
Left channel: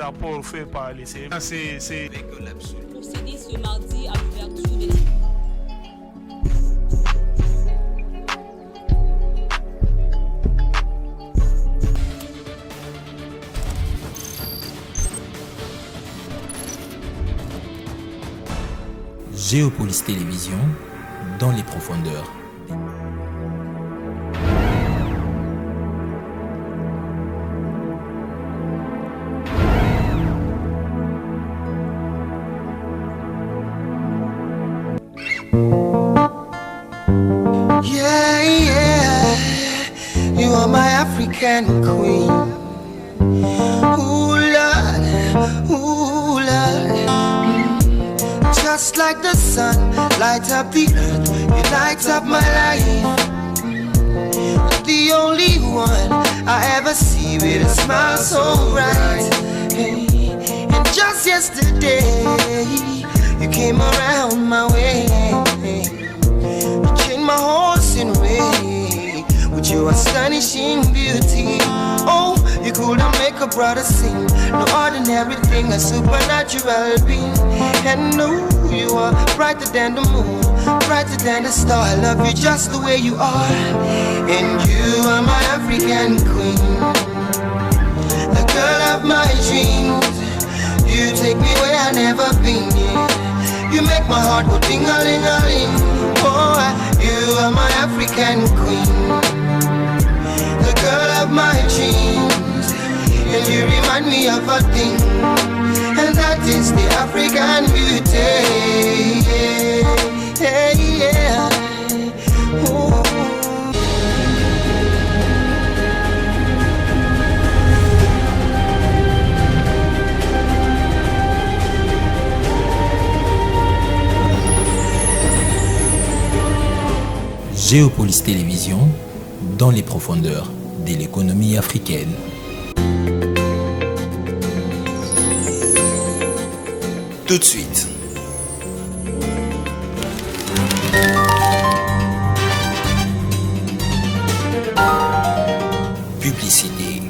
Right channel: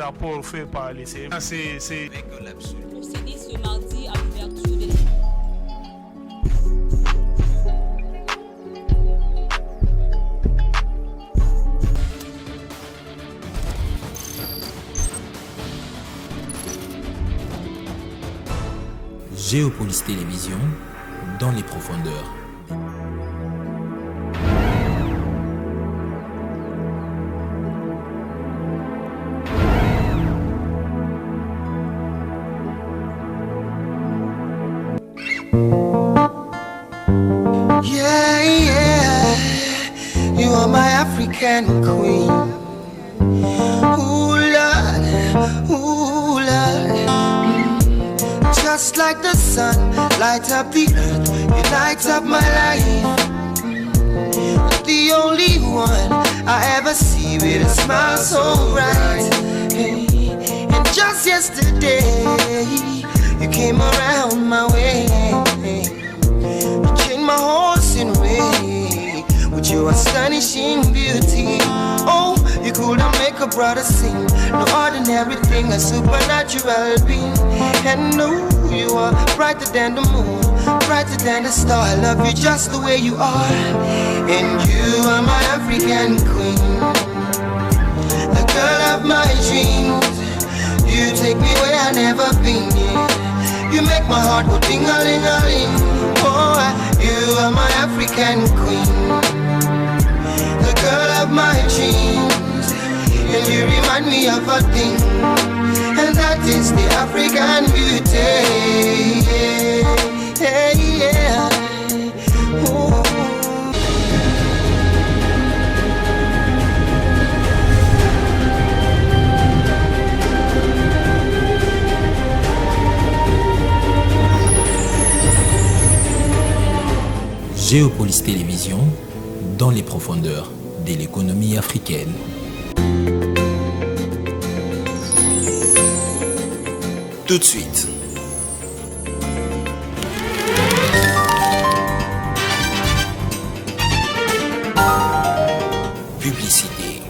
Rapport fait par les c'est procédé ce mardi à l'ouverture de Géopolis Télévision, dans les profondeurs. Yeah, yeah, you are my African queen. Ooh, Lord, ooh, Lord. Just like the sun, light up the earth, you light up my life. The only one I ever see with a smile so bright. Hey, and just yesterday, you came around my way. My horse in way with your astonishing beauty. Oh, you couldn't make a brother sing. No ordinary thing, a supernatural being. And no, you are brighter than the moon, brighter than the star. I love you just the way you are. And you are my African queen, the girl of my dreams. You take me where I never been. You make my heart go ding-a-ling-a-ling. Oh, you are my African queen, the girl of my dreams. And you remind me of a thing, and that is the African beauty. Yeah, yeah. Ooh. Géopolis Télévision, dans les profondeurs de l'économie africaine. Tout de suite. Publicité.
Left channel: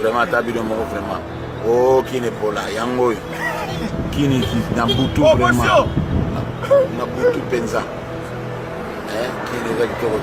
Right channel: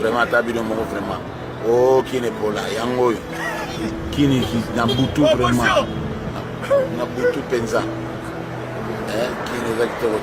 Vraiment, t'as vu le mot vraiment. Oh, qui n'est pas là, Yango. Kini Nabutu vraiment. Nabutu Penza. Qui est recteur.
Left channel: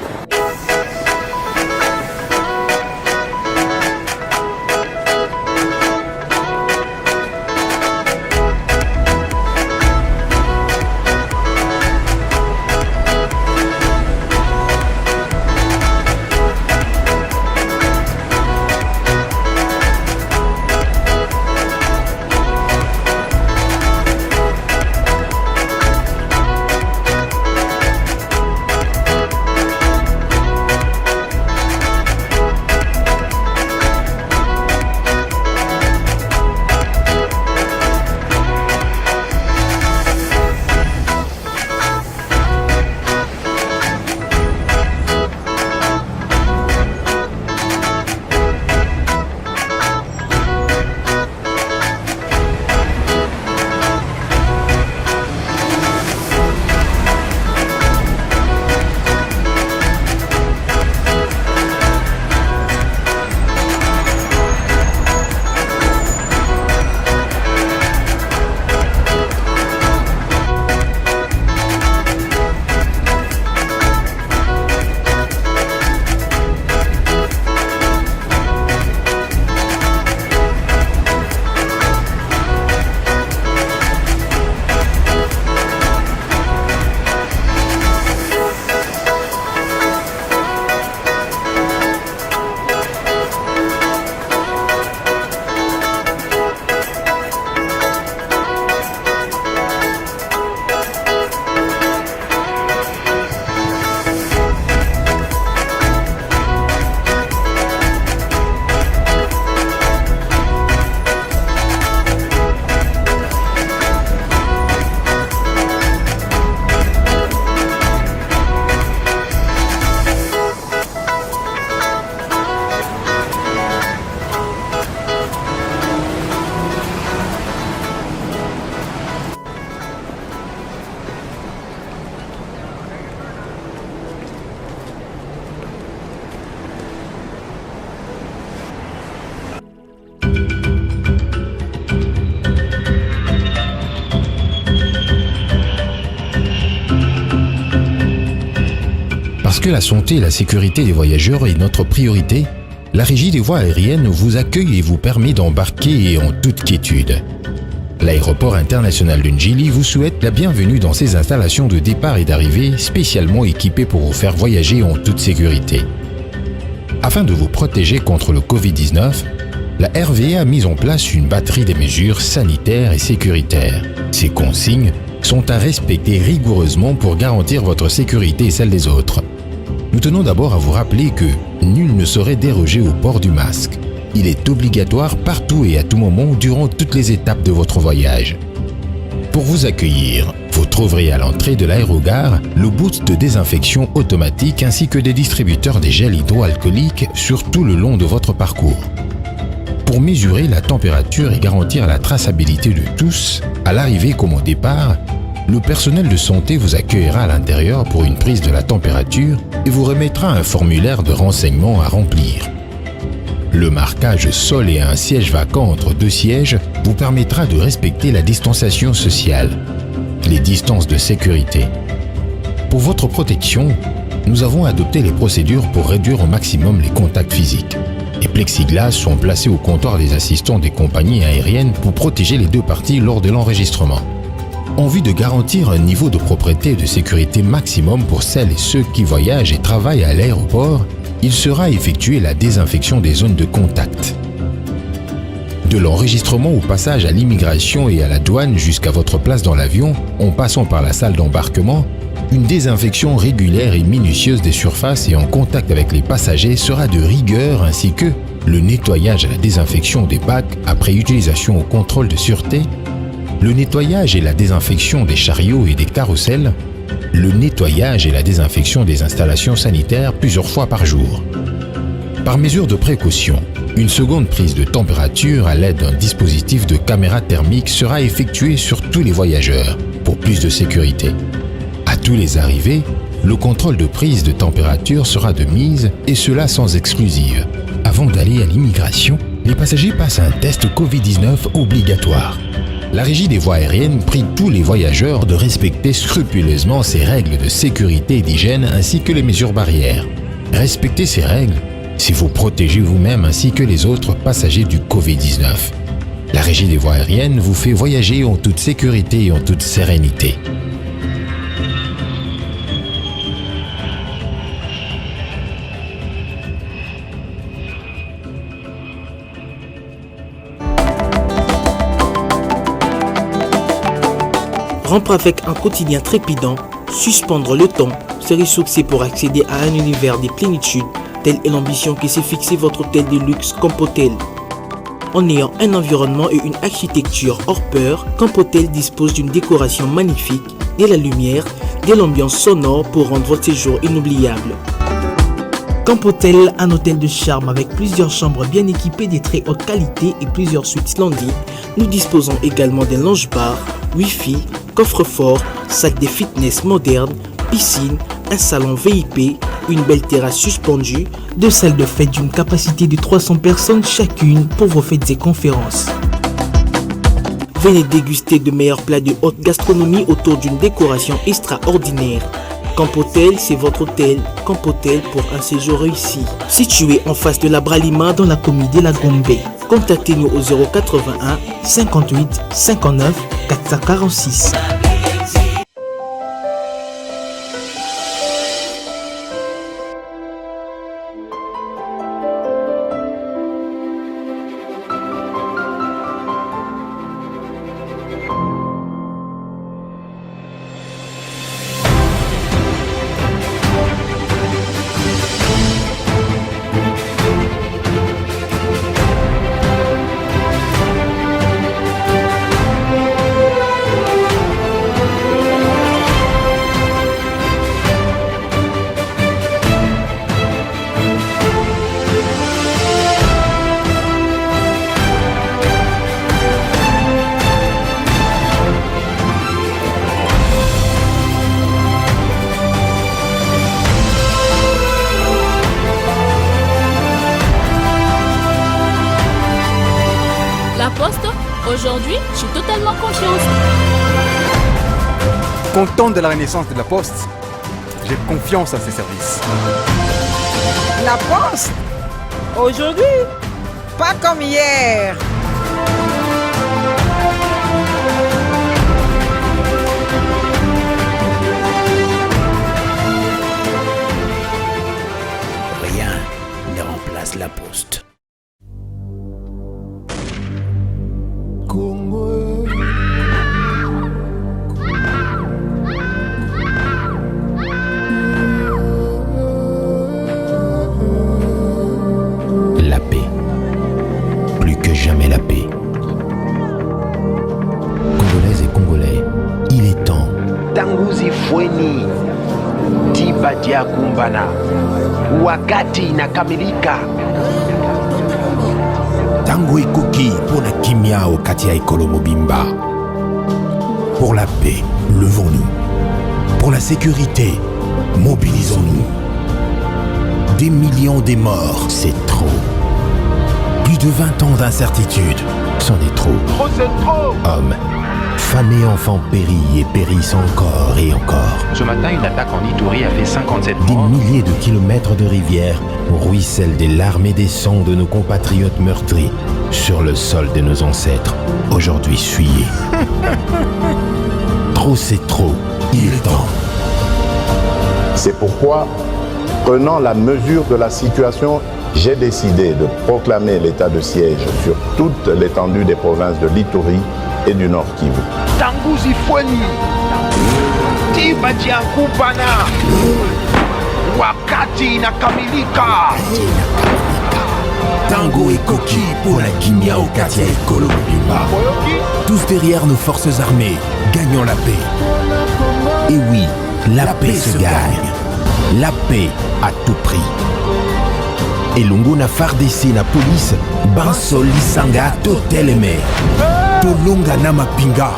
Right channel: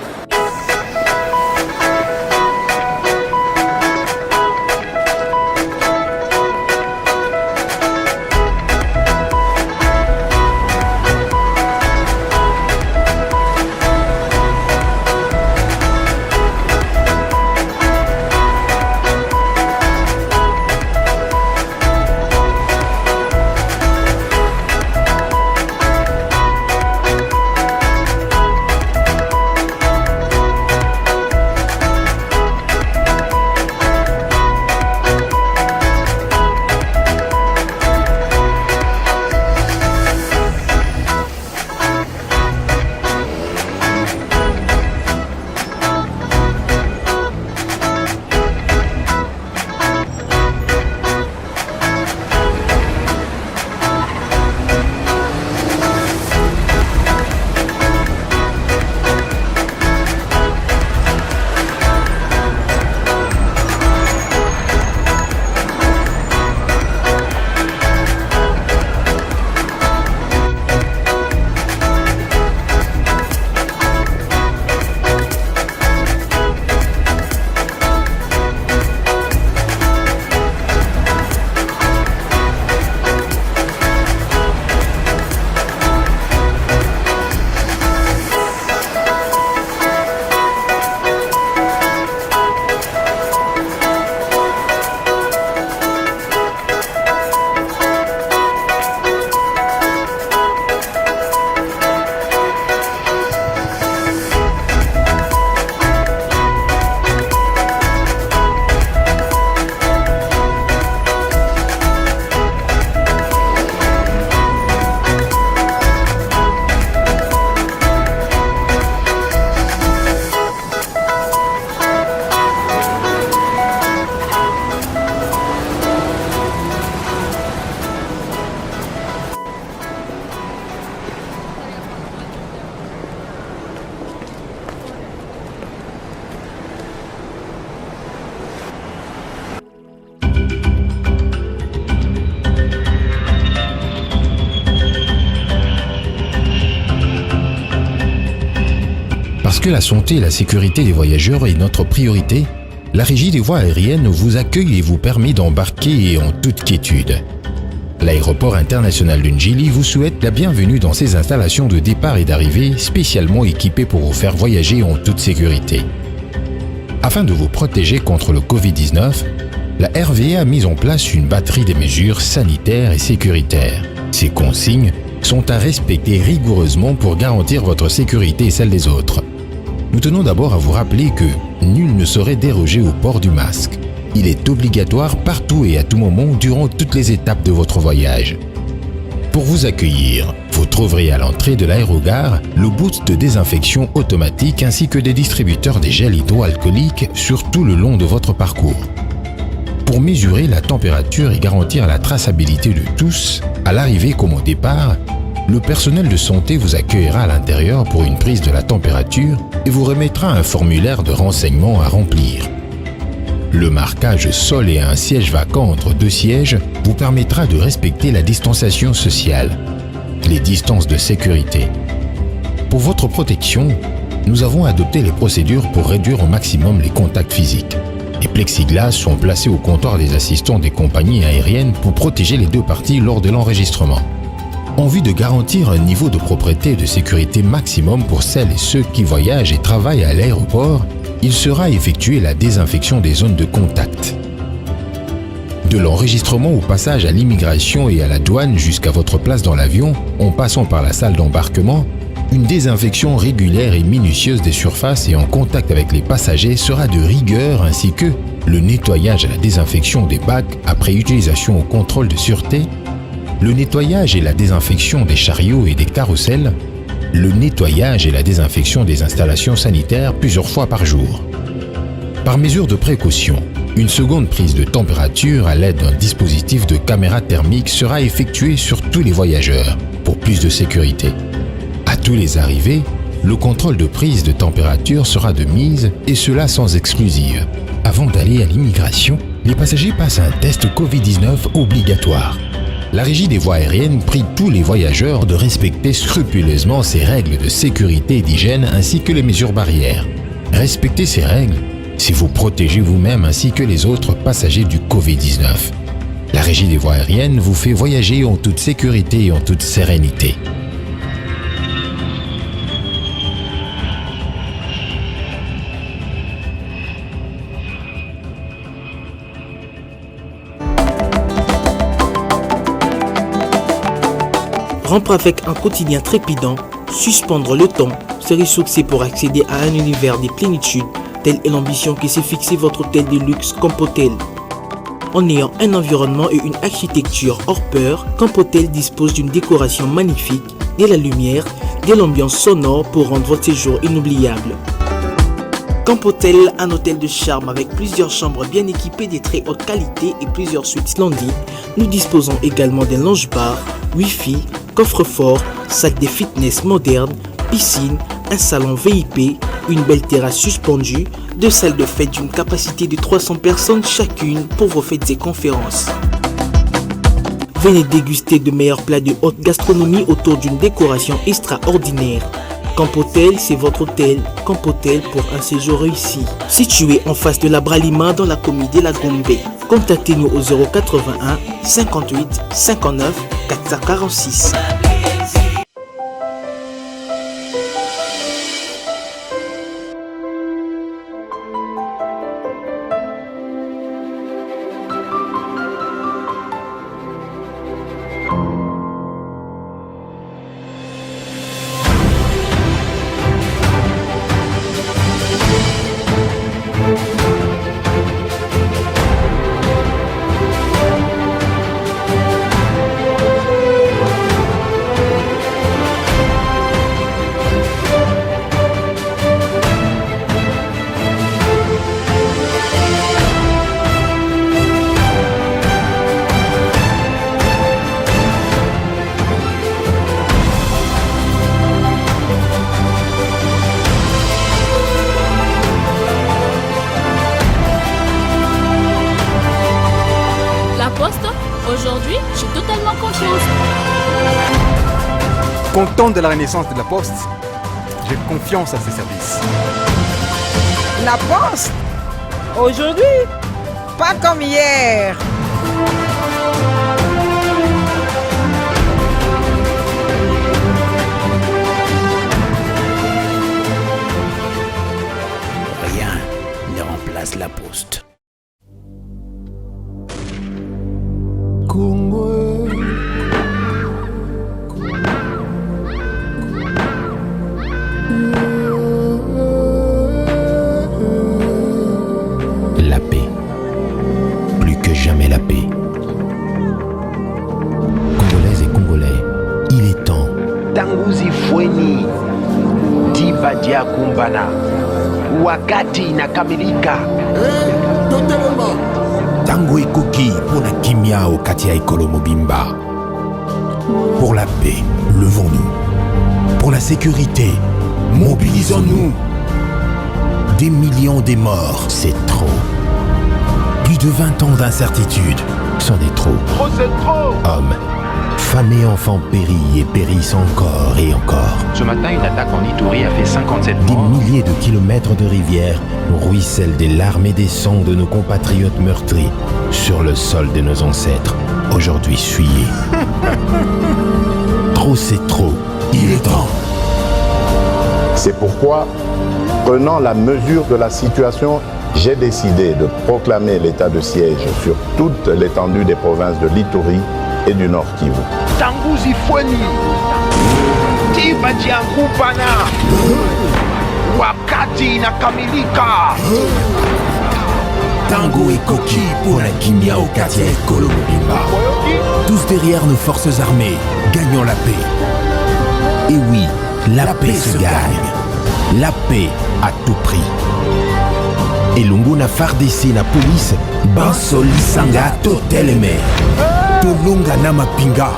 Parce que la santé et la sécurité des voyageurs est notre priorité, la Régie des voies aériennes vous accueille et vous permet d'embarquer en toute quiétude. L'aéroport international de Ndjili vous souhaite la bienvenue dans ses installations de départ et d'arrivée spécialement équipées pour vous faire voyager en toute sécurité. Afin de vous protéger contre le Covid-19, la RVA a mis en place une batterie de mesures sanitaires et sécuritaires. Ces consignes sont à respecter rigoureusement pour garantir votre sécurité et celle des autres. Nous tenons d'abord à vous rappeler que nul ne saurait déroger au port du masque. Il est obligatoire partout et à tout moment durant toutes les étapes de votre voyage. Pour vous accueillir, vous trouverez à l'entrée de l'aérogare le boot de désinfection automatique ainsi que des distributeurs de gel hydroalcoolique sur tout le long de votre parcours. Pour mesurer la température et garantir la traçabilité de tous, à l'arrivée comme au départ, le personnel de santé vous accueillera à l'intérieur pour une prise de la température et vous remettra un formulaire de renseignement à remplir. Le marquage sol et un siège vacant entre deux sièges vous permettra de respecter la distanciation sociale, les distances de sécurité. Pour votre protection, nous avons adopté les procédures pour réduire au maximum les contacts physiques. Les plexiglas sont placés au comptoir des assistants des compagnies aériennes pour protéger les deux parties lors de l'enregistrement. En vue de garantir un niveau de propreté et de sécurité maximum pour celles et ceux qui voyagent et travaillent à l'aéroport, il sera effectué la désinfection des zones de contact. De l'enregistrement au passage à l'immigration et à la douane jusqu'à votre place dans l'avion, en passant par la salle d'embarquement, une désinfection régulière et minutieuse des surfaces et en contact avec les passagers sera de rigueur ainsi que le nettoyage et la désinfection des bacs après utilisation au contrôle de sûreté, le nettoyage et la désinfection des chariots et des carrousels, le nettoyage et la désinfection des installations sanitaires plusieurs fois par jour. Par mesure de précaution, une seconde prise de température à l'aide d'un dispositif de caméra thermique sera effectuée sur tous les voyageurs pour plus de sécurité. À tous les arrivées, le contrôle de prise de température sera de mise et cela sans exclusive. Avant d'aller à l'immigration, les passagers passent un test Covid-19 obligatoire. La Régie des voies aériennes prie tous les voyageurs de respecter scrupuleusement ces règles de sécurité et d'hygiène ainsi que les mesures barrières. Respecter ces règles, c'est vous protéger vous-même ainsi que les autres passagers du Covid-19. La Régie des voies aériennes vous fait voyager en toute sécurité et en toute sérénité. Rompre avec un quotidien trépidant, suspendre le temps, se ressourcer pour accéder à un univers de plénitude, telle est l'ambition qui s'est fixée votre hôtel de luxe Campotel. En ayant un environnement et une architecture hors pair, Campotel dispose d'une décoration magnifique, de la lumière, de l'ambiance sonore pour rendre votre séjour inoubliable. Campotel, un hôtel de charme avec plusieurs chambres bien équipées de très haute qualité et plusieurs suites splendides. Nous disposons également d'un lounge-bar, Wi-Fi, coffre-fort, salle de fitness moderne, piscine, un salon VIP, une belle terrasse suspendue, 2 salles de fête d'une capacité de 300 personnes chacune pour vos fêtes et conférences. Venez déguster de meilleurs plats de haute gastronomie autour d'une décoration extraordinaire. Campotel, c'est votre hôtel. Campotel pour un séjour réussi. Situé en face de la Bralima dans la commune de la Gombe. Contactez-nous au 081 58 59 446. La Poste, aujourd'hui, j'ai totalement confiance. Content de la renaissance de la Poste, J'ai confiance à ses services. La Poste, aujourd'hui, pas comme hier. Rien ne remplace la Poste. Congo. La paix. Plus que jamais la paix. Congolaises et Congolais, il est temps. Tanguzi Fweni, Tibadia Kumbana, wakati inakamilika. Tango ekoki pour la kimia au Katia Ekolo Mobimba. Pour la paix, levons-nous. Pour la sécurité, mobilisons-nous. Des millions de morts, c'est trop. Plus de 20 ans d'incertitude, c'en est trop. Trop, c'est trop. Hommes, femmes et enfants périllent et périssent encore et encore. Ce matin, une attaque en Ituri a fait 57 morts. Des milliers de kilomètres de rivières ruissellent des larmes et des sangs de nos compatriotes meurtris sur le sol de nos ancêtres, aujourd'hui souillés. Trop, c'est trop. Il est temps. C'est pourquoi, prenant la mesure de la situation, j'ai décidé de proclamer l'état de siège sur toute l'étendue des provinces de l'Ituri et du Nord Kivu. Tanguzi Fweni, Tibadia Kumbana, wakati inakamilika. Tango et Koki pour la Kimia au Katia Ekolo Mobimba. Tous derrière nos forces armées, gagnons la paix. Et oui, la paix se gagne. La paix à tout prix. Et Longona Fardesi na police, Bansol Lisanga Toteleme. Tolonga Namapinga.